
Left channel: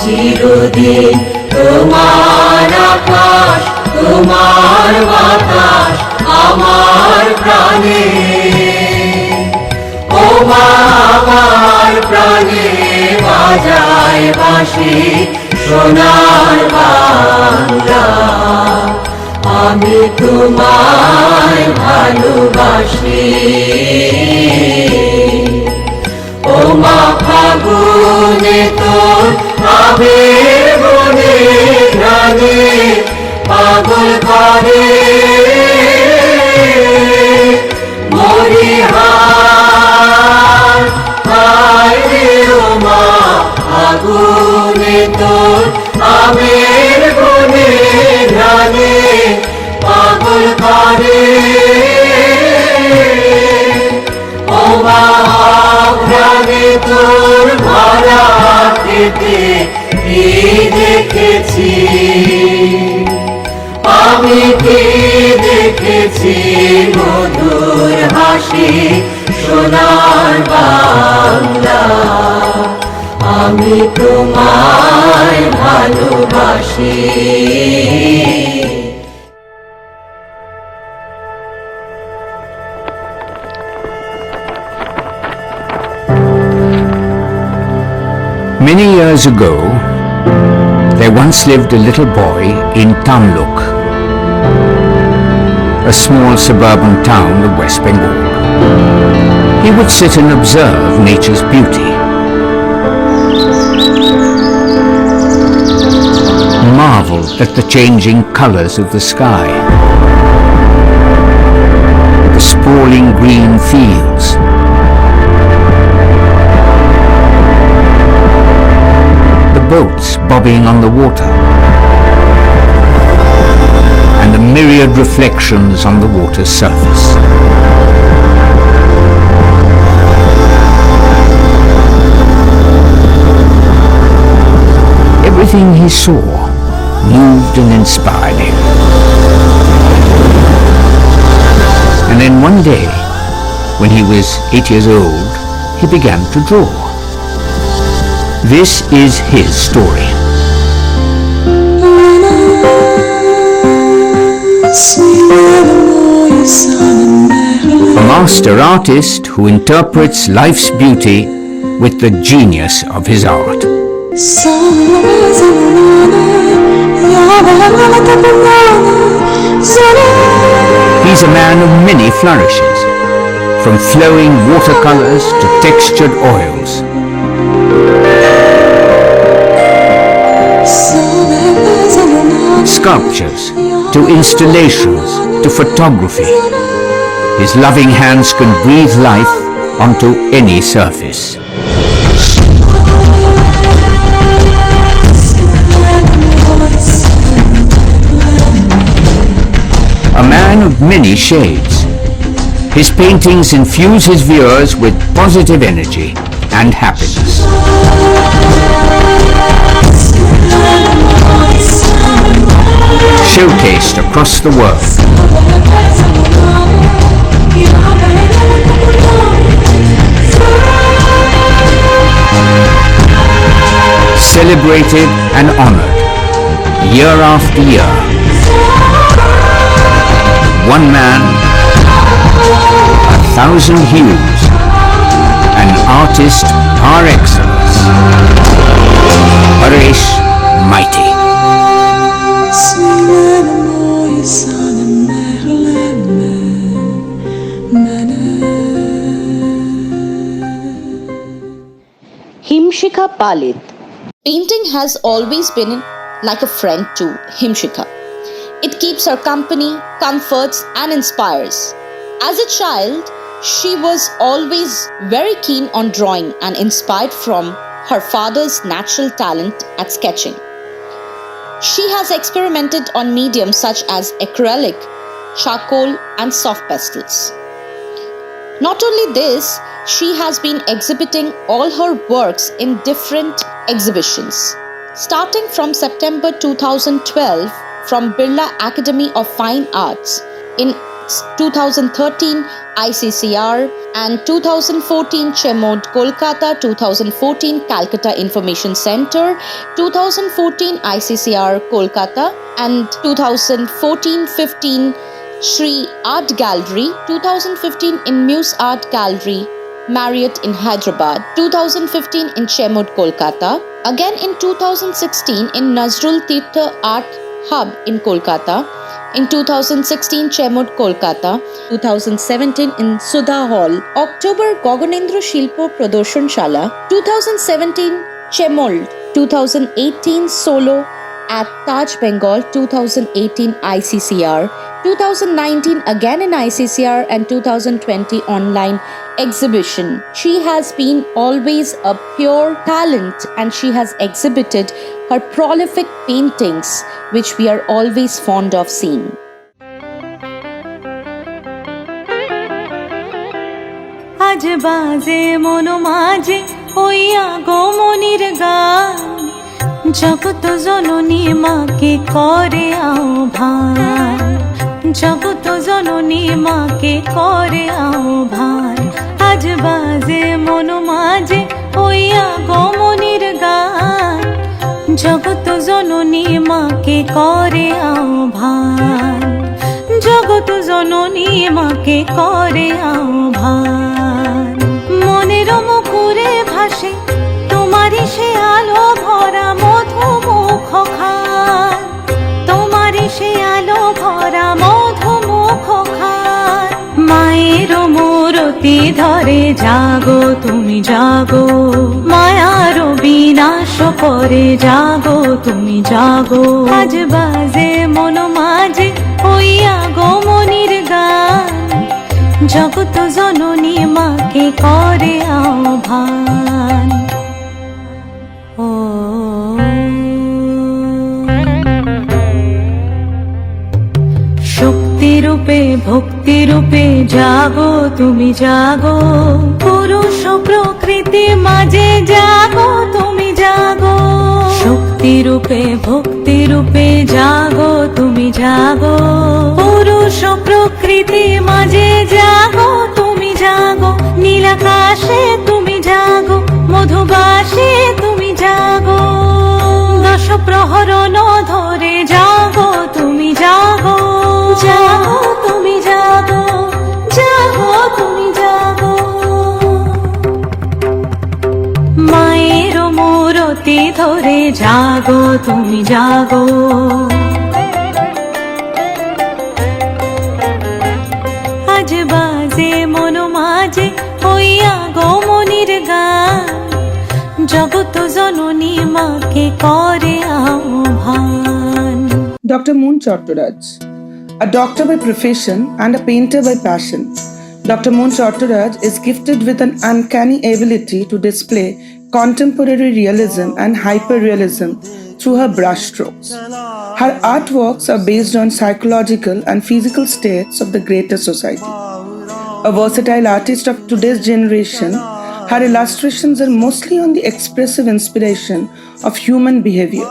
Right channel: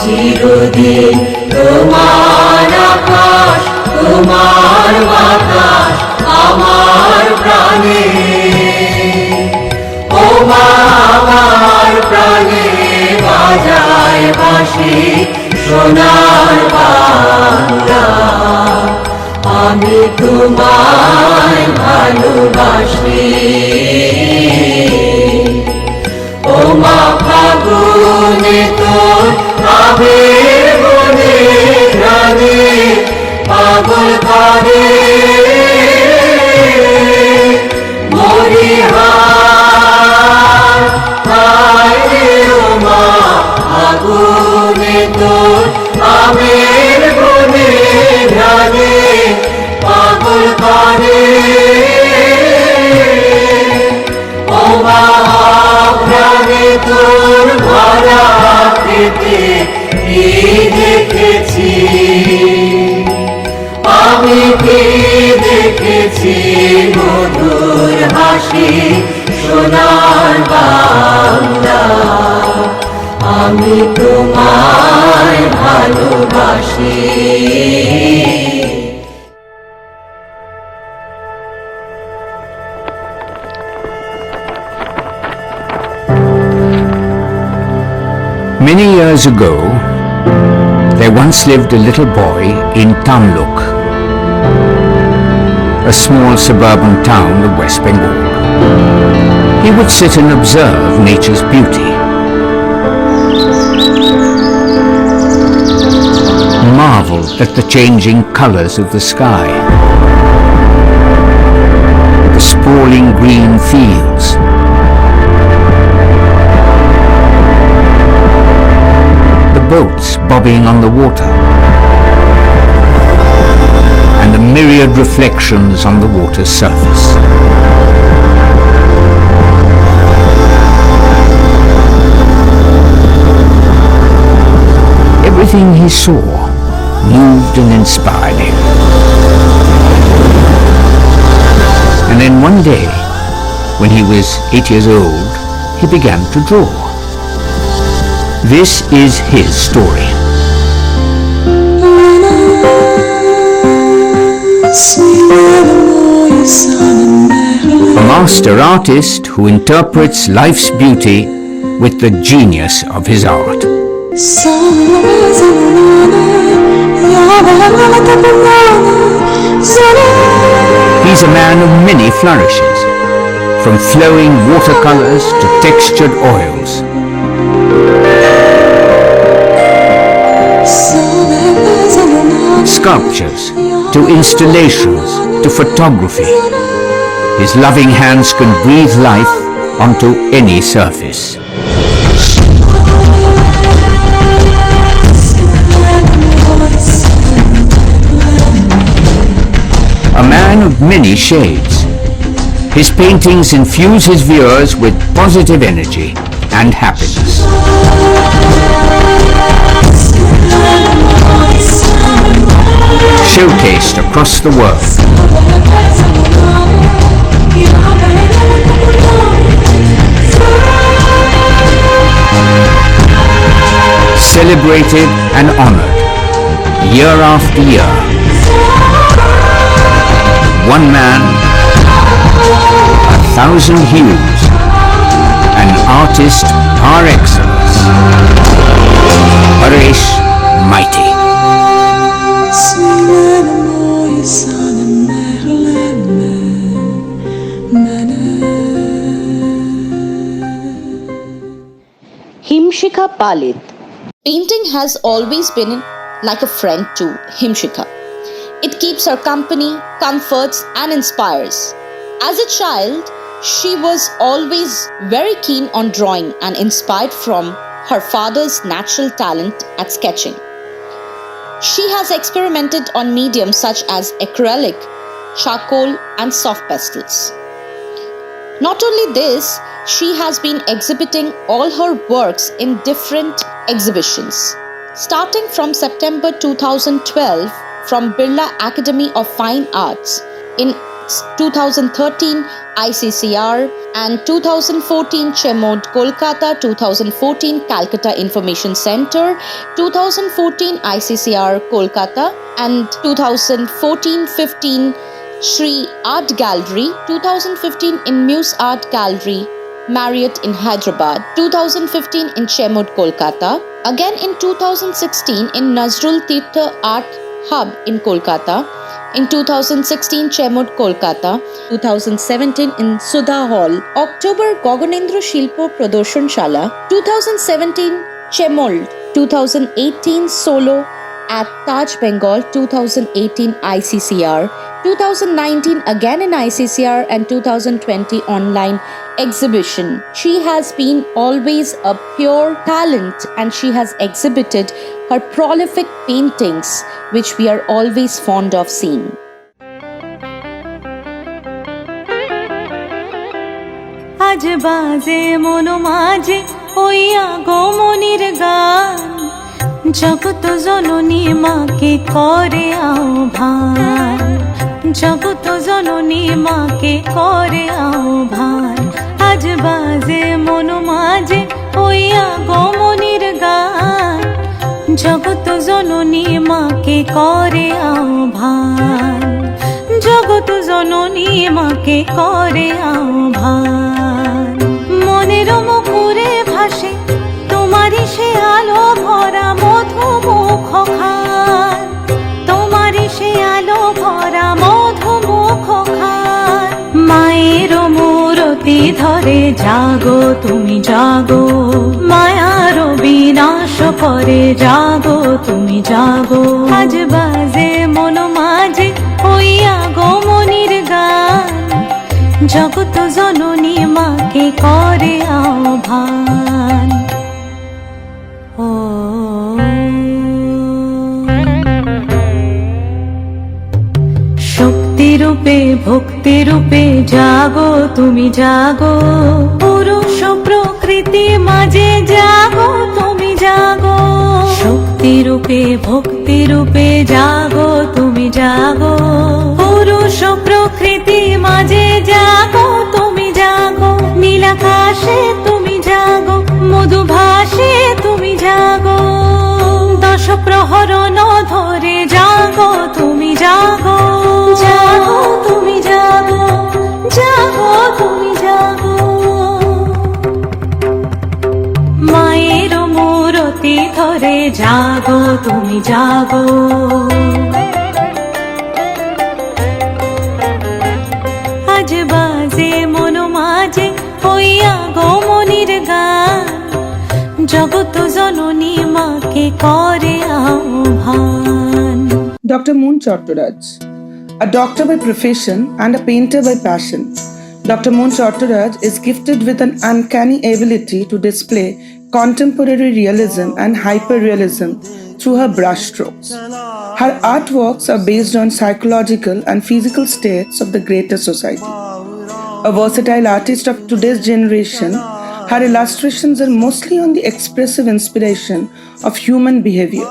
চিরদিন তোমার আকাশ তোমার বাতাস আমার প্রাণে ও মা আমার প্রাণে বাজায় বাঁশি সোনার বাংলা আমি তোমায় ভালোবাসি ও মা ফাগুনে তোর আবির বনে ঘ্রাণে পাগল করে মরি হায় রে ও মা ফাগুনে তোর আবির বনে ঘ্রাণে পাগল করে ও মা ঘ্রাণে তোর ভরা খেতে কি দেখেছি আমি কি দেখেছি মধুর হাসি সোনার বাংলা আমি তোমায় ভালোবাসি Many years ago, there once lived a little boy in Tamluk, a small suburban town of West Bengal. He would sit and observe nature's beauty, marvel at the changing colors of the sky, the sprawling green fields, boats bobbing on the water, and the myriad reflections on the water's surface. Everything he saw moved and inspired him. And then one day, When he was 8 years old, he began to draw. This is his story. A master artist who interprets life's beauty with the genius of his art. He's a man of many flourishes, from flowing watercolors to textured oils. Sculptures, to installations, to photography. His loving hands can breathe life onto any surface. A man of many shades. His paintings infuse his viewers with positive energy and happiness. Showcased across the world. Celebrated and honored year after year. One man, 1,000 hues, an artist par excellence. Paresh Mighty. Himshikha Palit. Painting has always been like a friend to Himshikha. It keeps her company, comforts and inspires. As a child, she was always very keen on drawing and inspired from her father's natural talent at sketching. She has experimented on mediums such as acrylic, charcoal and soft pastels. Not only this, she has been exhibiting all her works in different exhibitions. Starting from September 2012 from Birla Academy of Fine Arts, in 2013 ICCR and 2014 Chemod Kolkata, 2014 Calcutta Information Center, 2014 ICCR Kolkata and 2014-15 Shri Art Gallery, 2015 in Muse Art Gallery, Marriott in Hyderabad, 2015 in Chemod Kolkata, again in 2016 in Nazrul Tirtha Art Hub in Kolkata, in 2016 Chemod Kolkata, 2017 in Sudha Hall, October Goganendra Shilpo Pradorshan Shala, 2017 Chemold, 2018 Solo at Taj Bengal, 2018 ICCR, 2019 again in ICCR and 2020 online exhibition. She has been always a pure talent and she has exhibited her prolific paintings which we are always fond of seeing. আজ বাজে মনো মাঝে হইয়া গমনির গান জগত জননী মাকে করে আহ্বান জগত জননী মাকে করে আহ্বান আজ বাজে মনো মাঝে হইয়া গমনির গান জগত জননী মাকে করে আহ্বান জগত জননী মাকে করে আহ্বান মনের মুখরে ভাসে তোমারই সে আলো ভরা মধুমুখ খান তোমারই সে আলো ভরা মধুমুখ খান মায়ের মূরতি ধরে জাগো তুমি জাগো মায়ার বিনাশ করে জাগো তুমি জাগো আজ বাজে মন মাঝে হইয়া গমনির গান জগত জননী মাকে করে আহ্বান ও শক্তিরূপে ভক্তিরূপে জাগো তুমি জাগো পুরুষ প্রকৃতি মাঝে জাগো তুমি জাগো শক্তিরূপে ভক্তিরূপে জাগো তুমি জাগো পুরুষ প্রকৃতি মাঝে জাগো তুমি জাগো আকাশে তুমি জাগো, মধুভাষে তুমি জাগো, দশ প্রহরণ ধরে জাগো তুমি জাগো, জাগো তুমি জাগো, জাগো তুমি জাগো। মায়ের মূরতি ধরে জাগো তুমি জাগো। আজ বাজে মন মাঝে ওই আগমনির গান, জগত জননী মাকে করে আহ্বান। Dr. Moon Chattaraj, a doctor by profession and a painter by passion, Dr. Moon Chattaraj is gifted with an uncanny ability to display contemporary realism and hyperrealism through her brushstrokes. Her artworks are based on psychological and physical states of the greater society. A versatile artist of today's generation, her illustrations are mostly on the expressive inspiration of human behavior.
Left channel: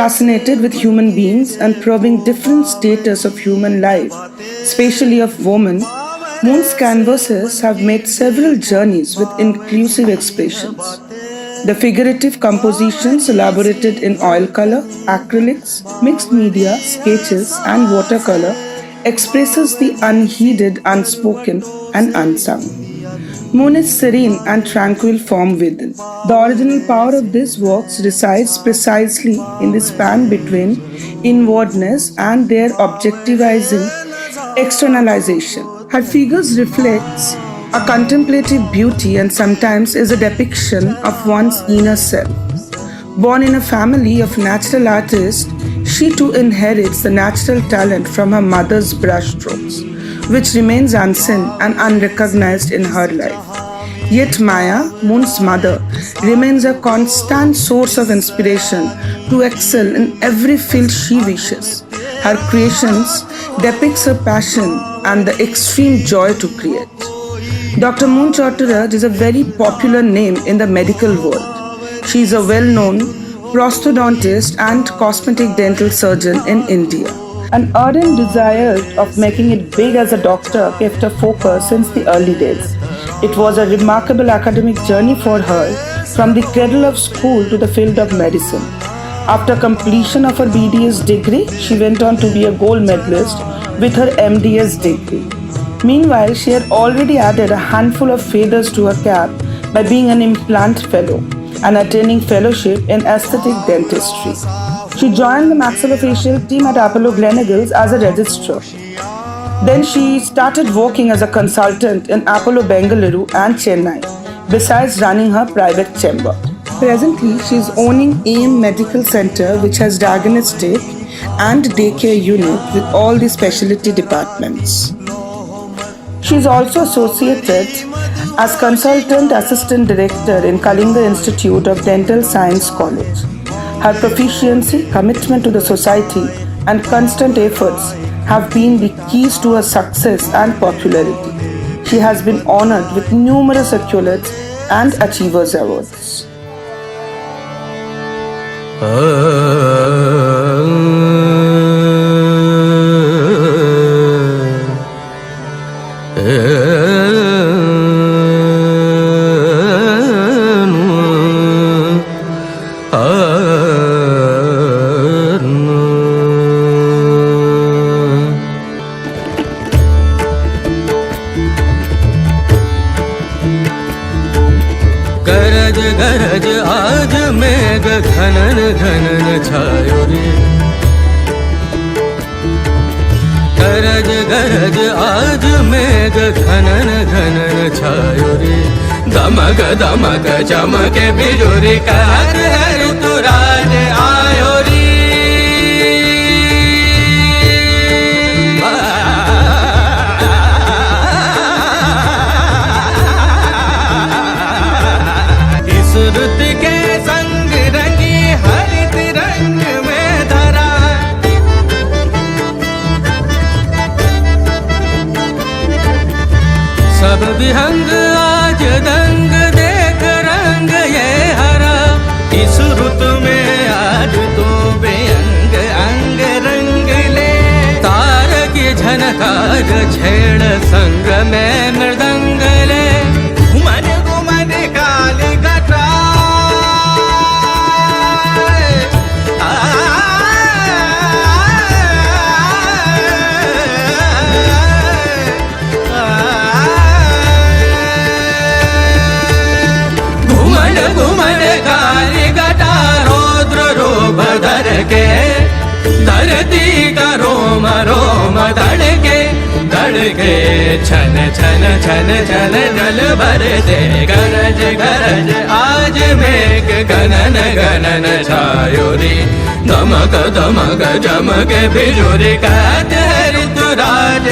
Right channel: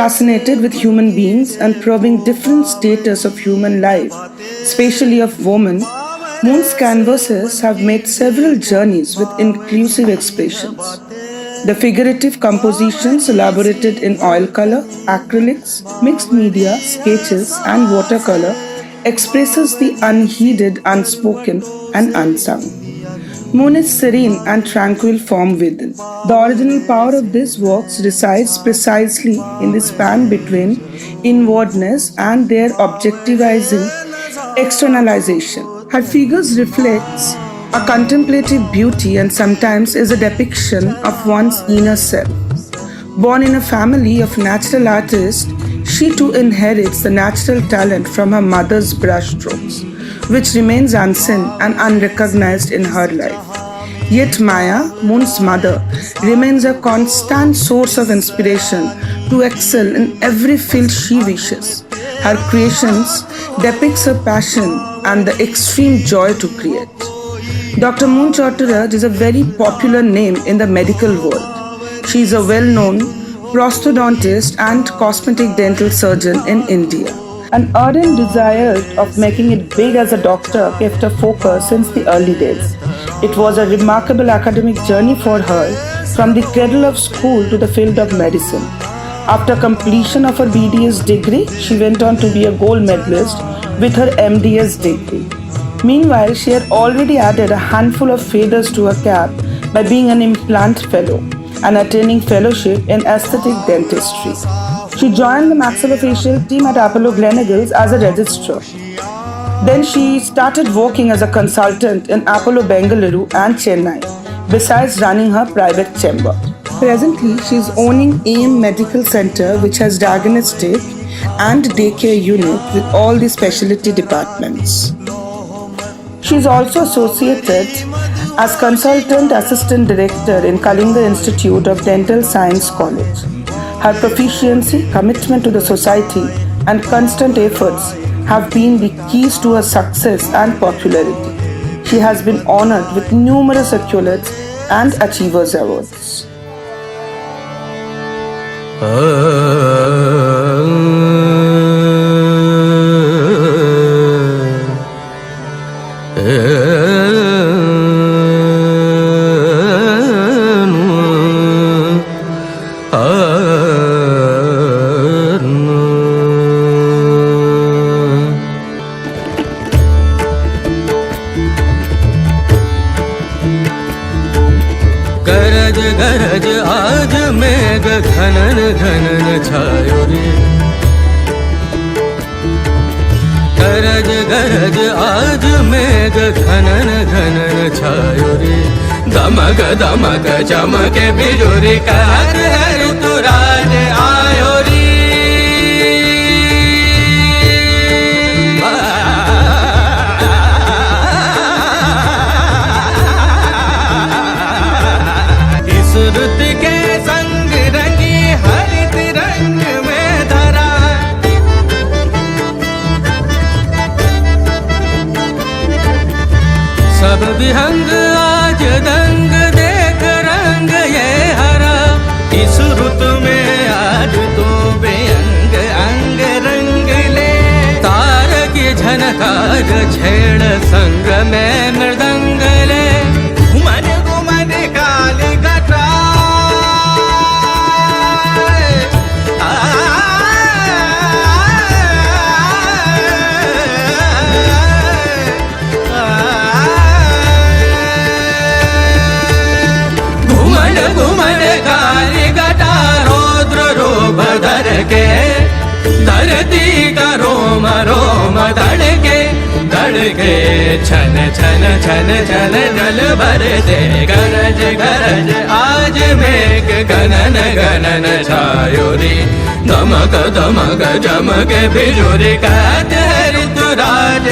Fascinated with human beings and probing different status of human life, especially of women, Moon's canvases have made several journeys with inclusive expressions. The figurative compositions elaborated in oil color, acrylics, mixed media, sketches and watercolor expresses the unheeded, unspoken and unsung. Moon is serene and tranquil form within. The original power of these works resides precisely in the span between inwardness and their objectivizing externalization. Her figures reflects a contemplative beauty and sometimes is a depiction of one's inner self. Born in a family of natural artists, she too inherits the natural talent from her mother's brushstrokes, which remains unseen and unrecognized in her life. Yet Maya, Moon's mother, remains a constant source of inspiration to excel in every field she wishes. Her creations depicts her passion and the extreme joy to create. Dr. Moon Chattaraj is a very popular name in the medical world. She is a well-known prosthodontist and cosmetic dental surgeon in India. An ardent desire of making it big as a doctor kept her focused since the early days. It was a remarkable academic journey for her from the cradle of school to the field of medicine. After completion of her BDS degree, she went on to be a gold medalist with her MDS degree. Meanwhile, she had already added a handful of feathers to her cap by being an implant fellow and attaining fellowship in aesthetic dentistry. She joined the maxillofacial team at Apollo Gleneagles as a registrar. Then she started working as a consultant in Apollo Bengaluru and Chennai, besides running her private chamber. Presently, she is owning AM Medical Center, which has diagnostic and daycare unit with all the specialty departments. She is also associated as consultant assistant director in Kalinga Institute of Dental Science College. Her proficiency, commitment to the society, and constant efforts have been the keys to her success and popularity. She has been honored with numerous accolades and Achievers Awards. गरज गरज आज मेघ घनन घनन छायो रे, गरज गरज आज मेघ घनन घनन छायो रे, दमक दमक चमके बिजुरी कहर है ऋतुराज आयो रे। सुरत के संग रंगी हरित रंग में धरा, सब विहंग आज दंग देख रंग ये हरा। इस रुत में आज तो बेअंग अंग रंग ले, तार की झनकार छेड़ संग में मृदंग ले, धरती का रोम रोम धड़के धड़के छन छन छन छन जल भर दे गरज गरज आज मेघ गणन गणन छायोरी धमक धमक चमक बिजुरी कहते ऋतुराज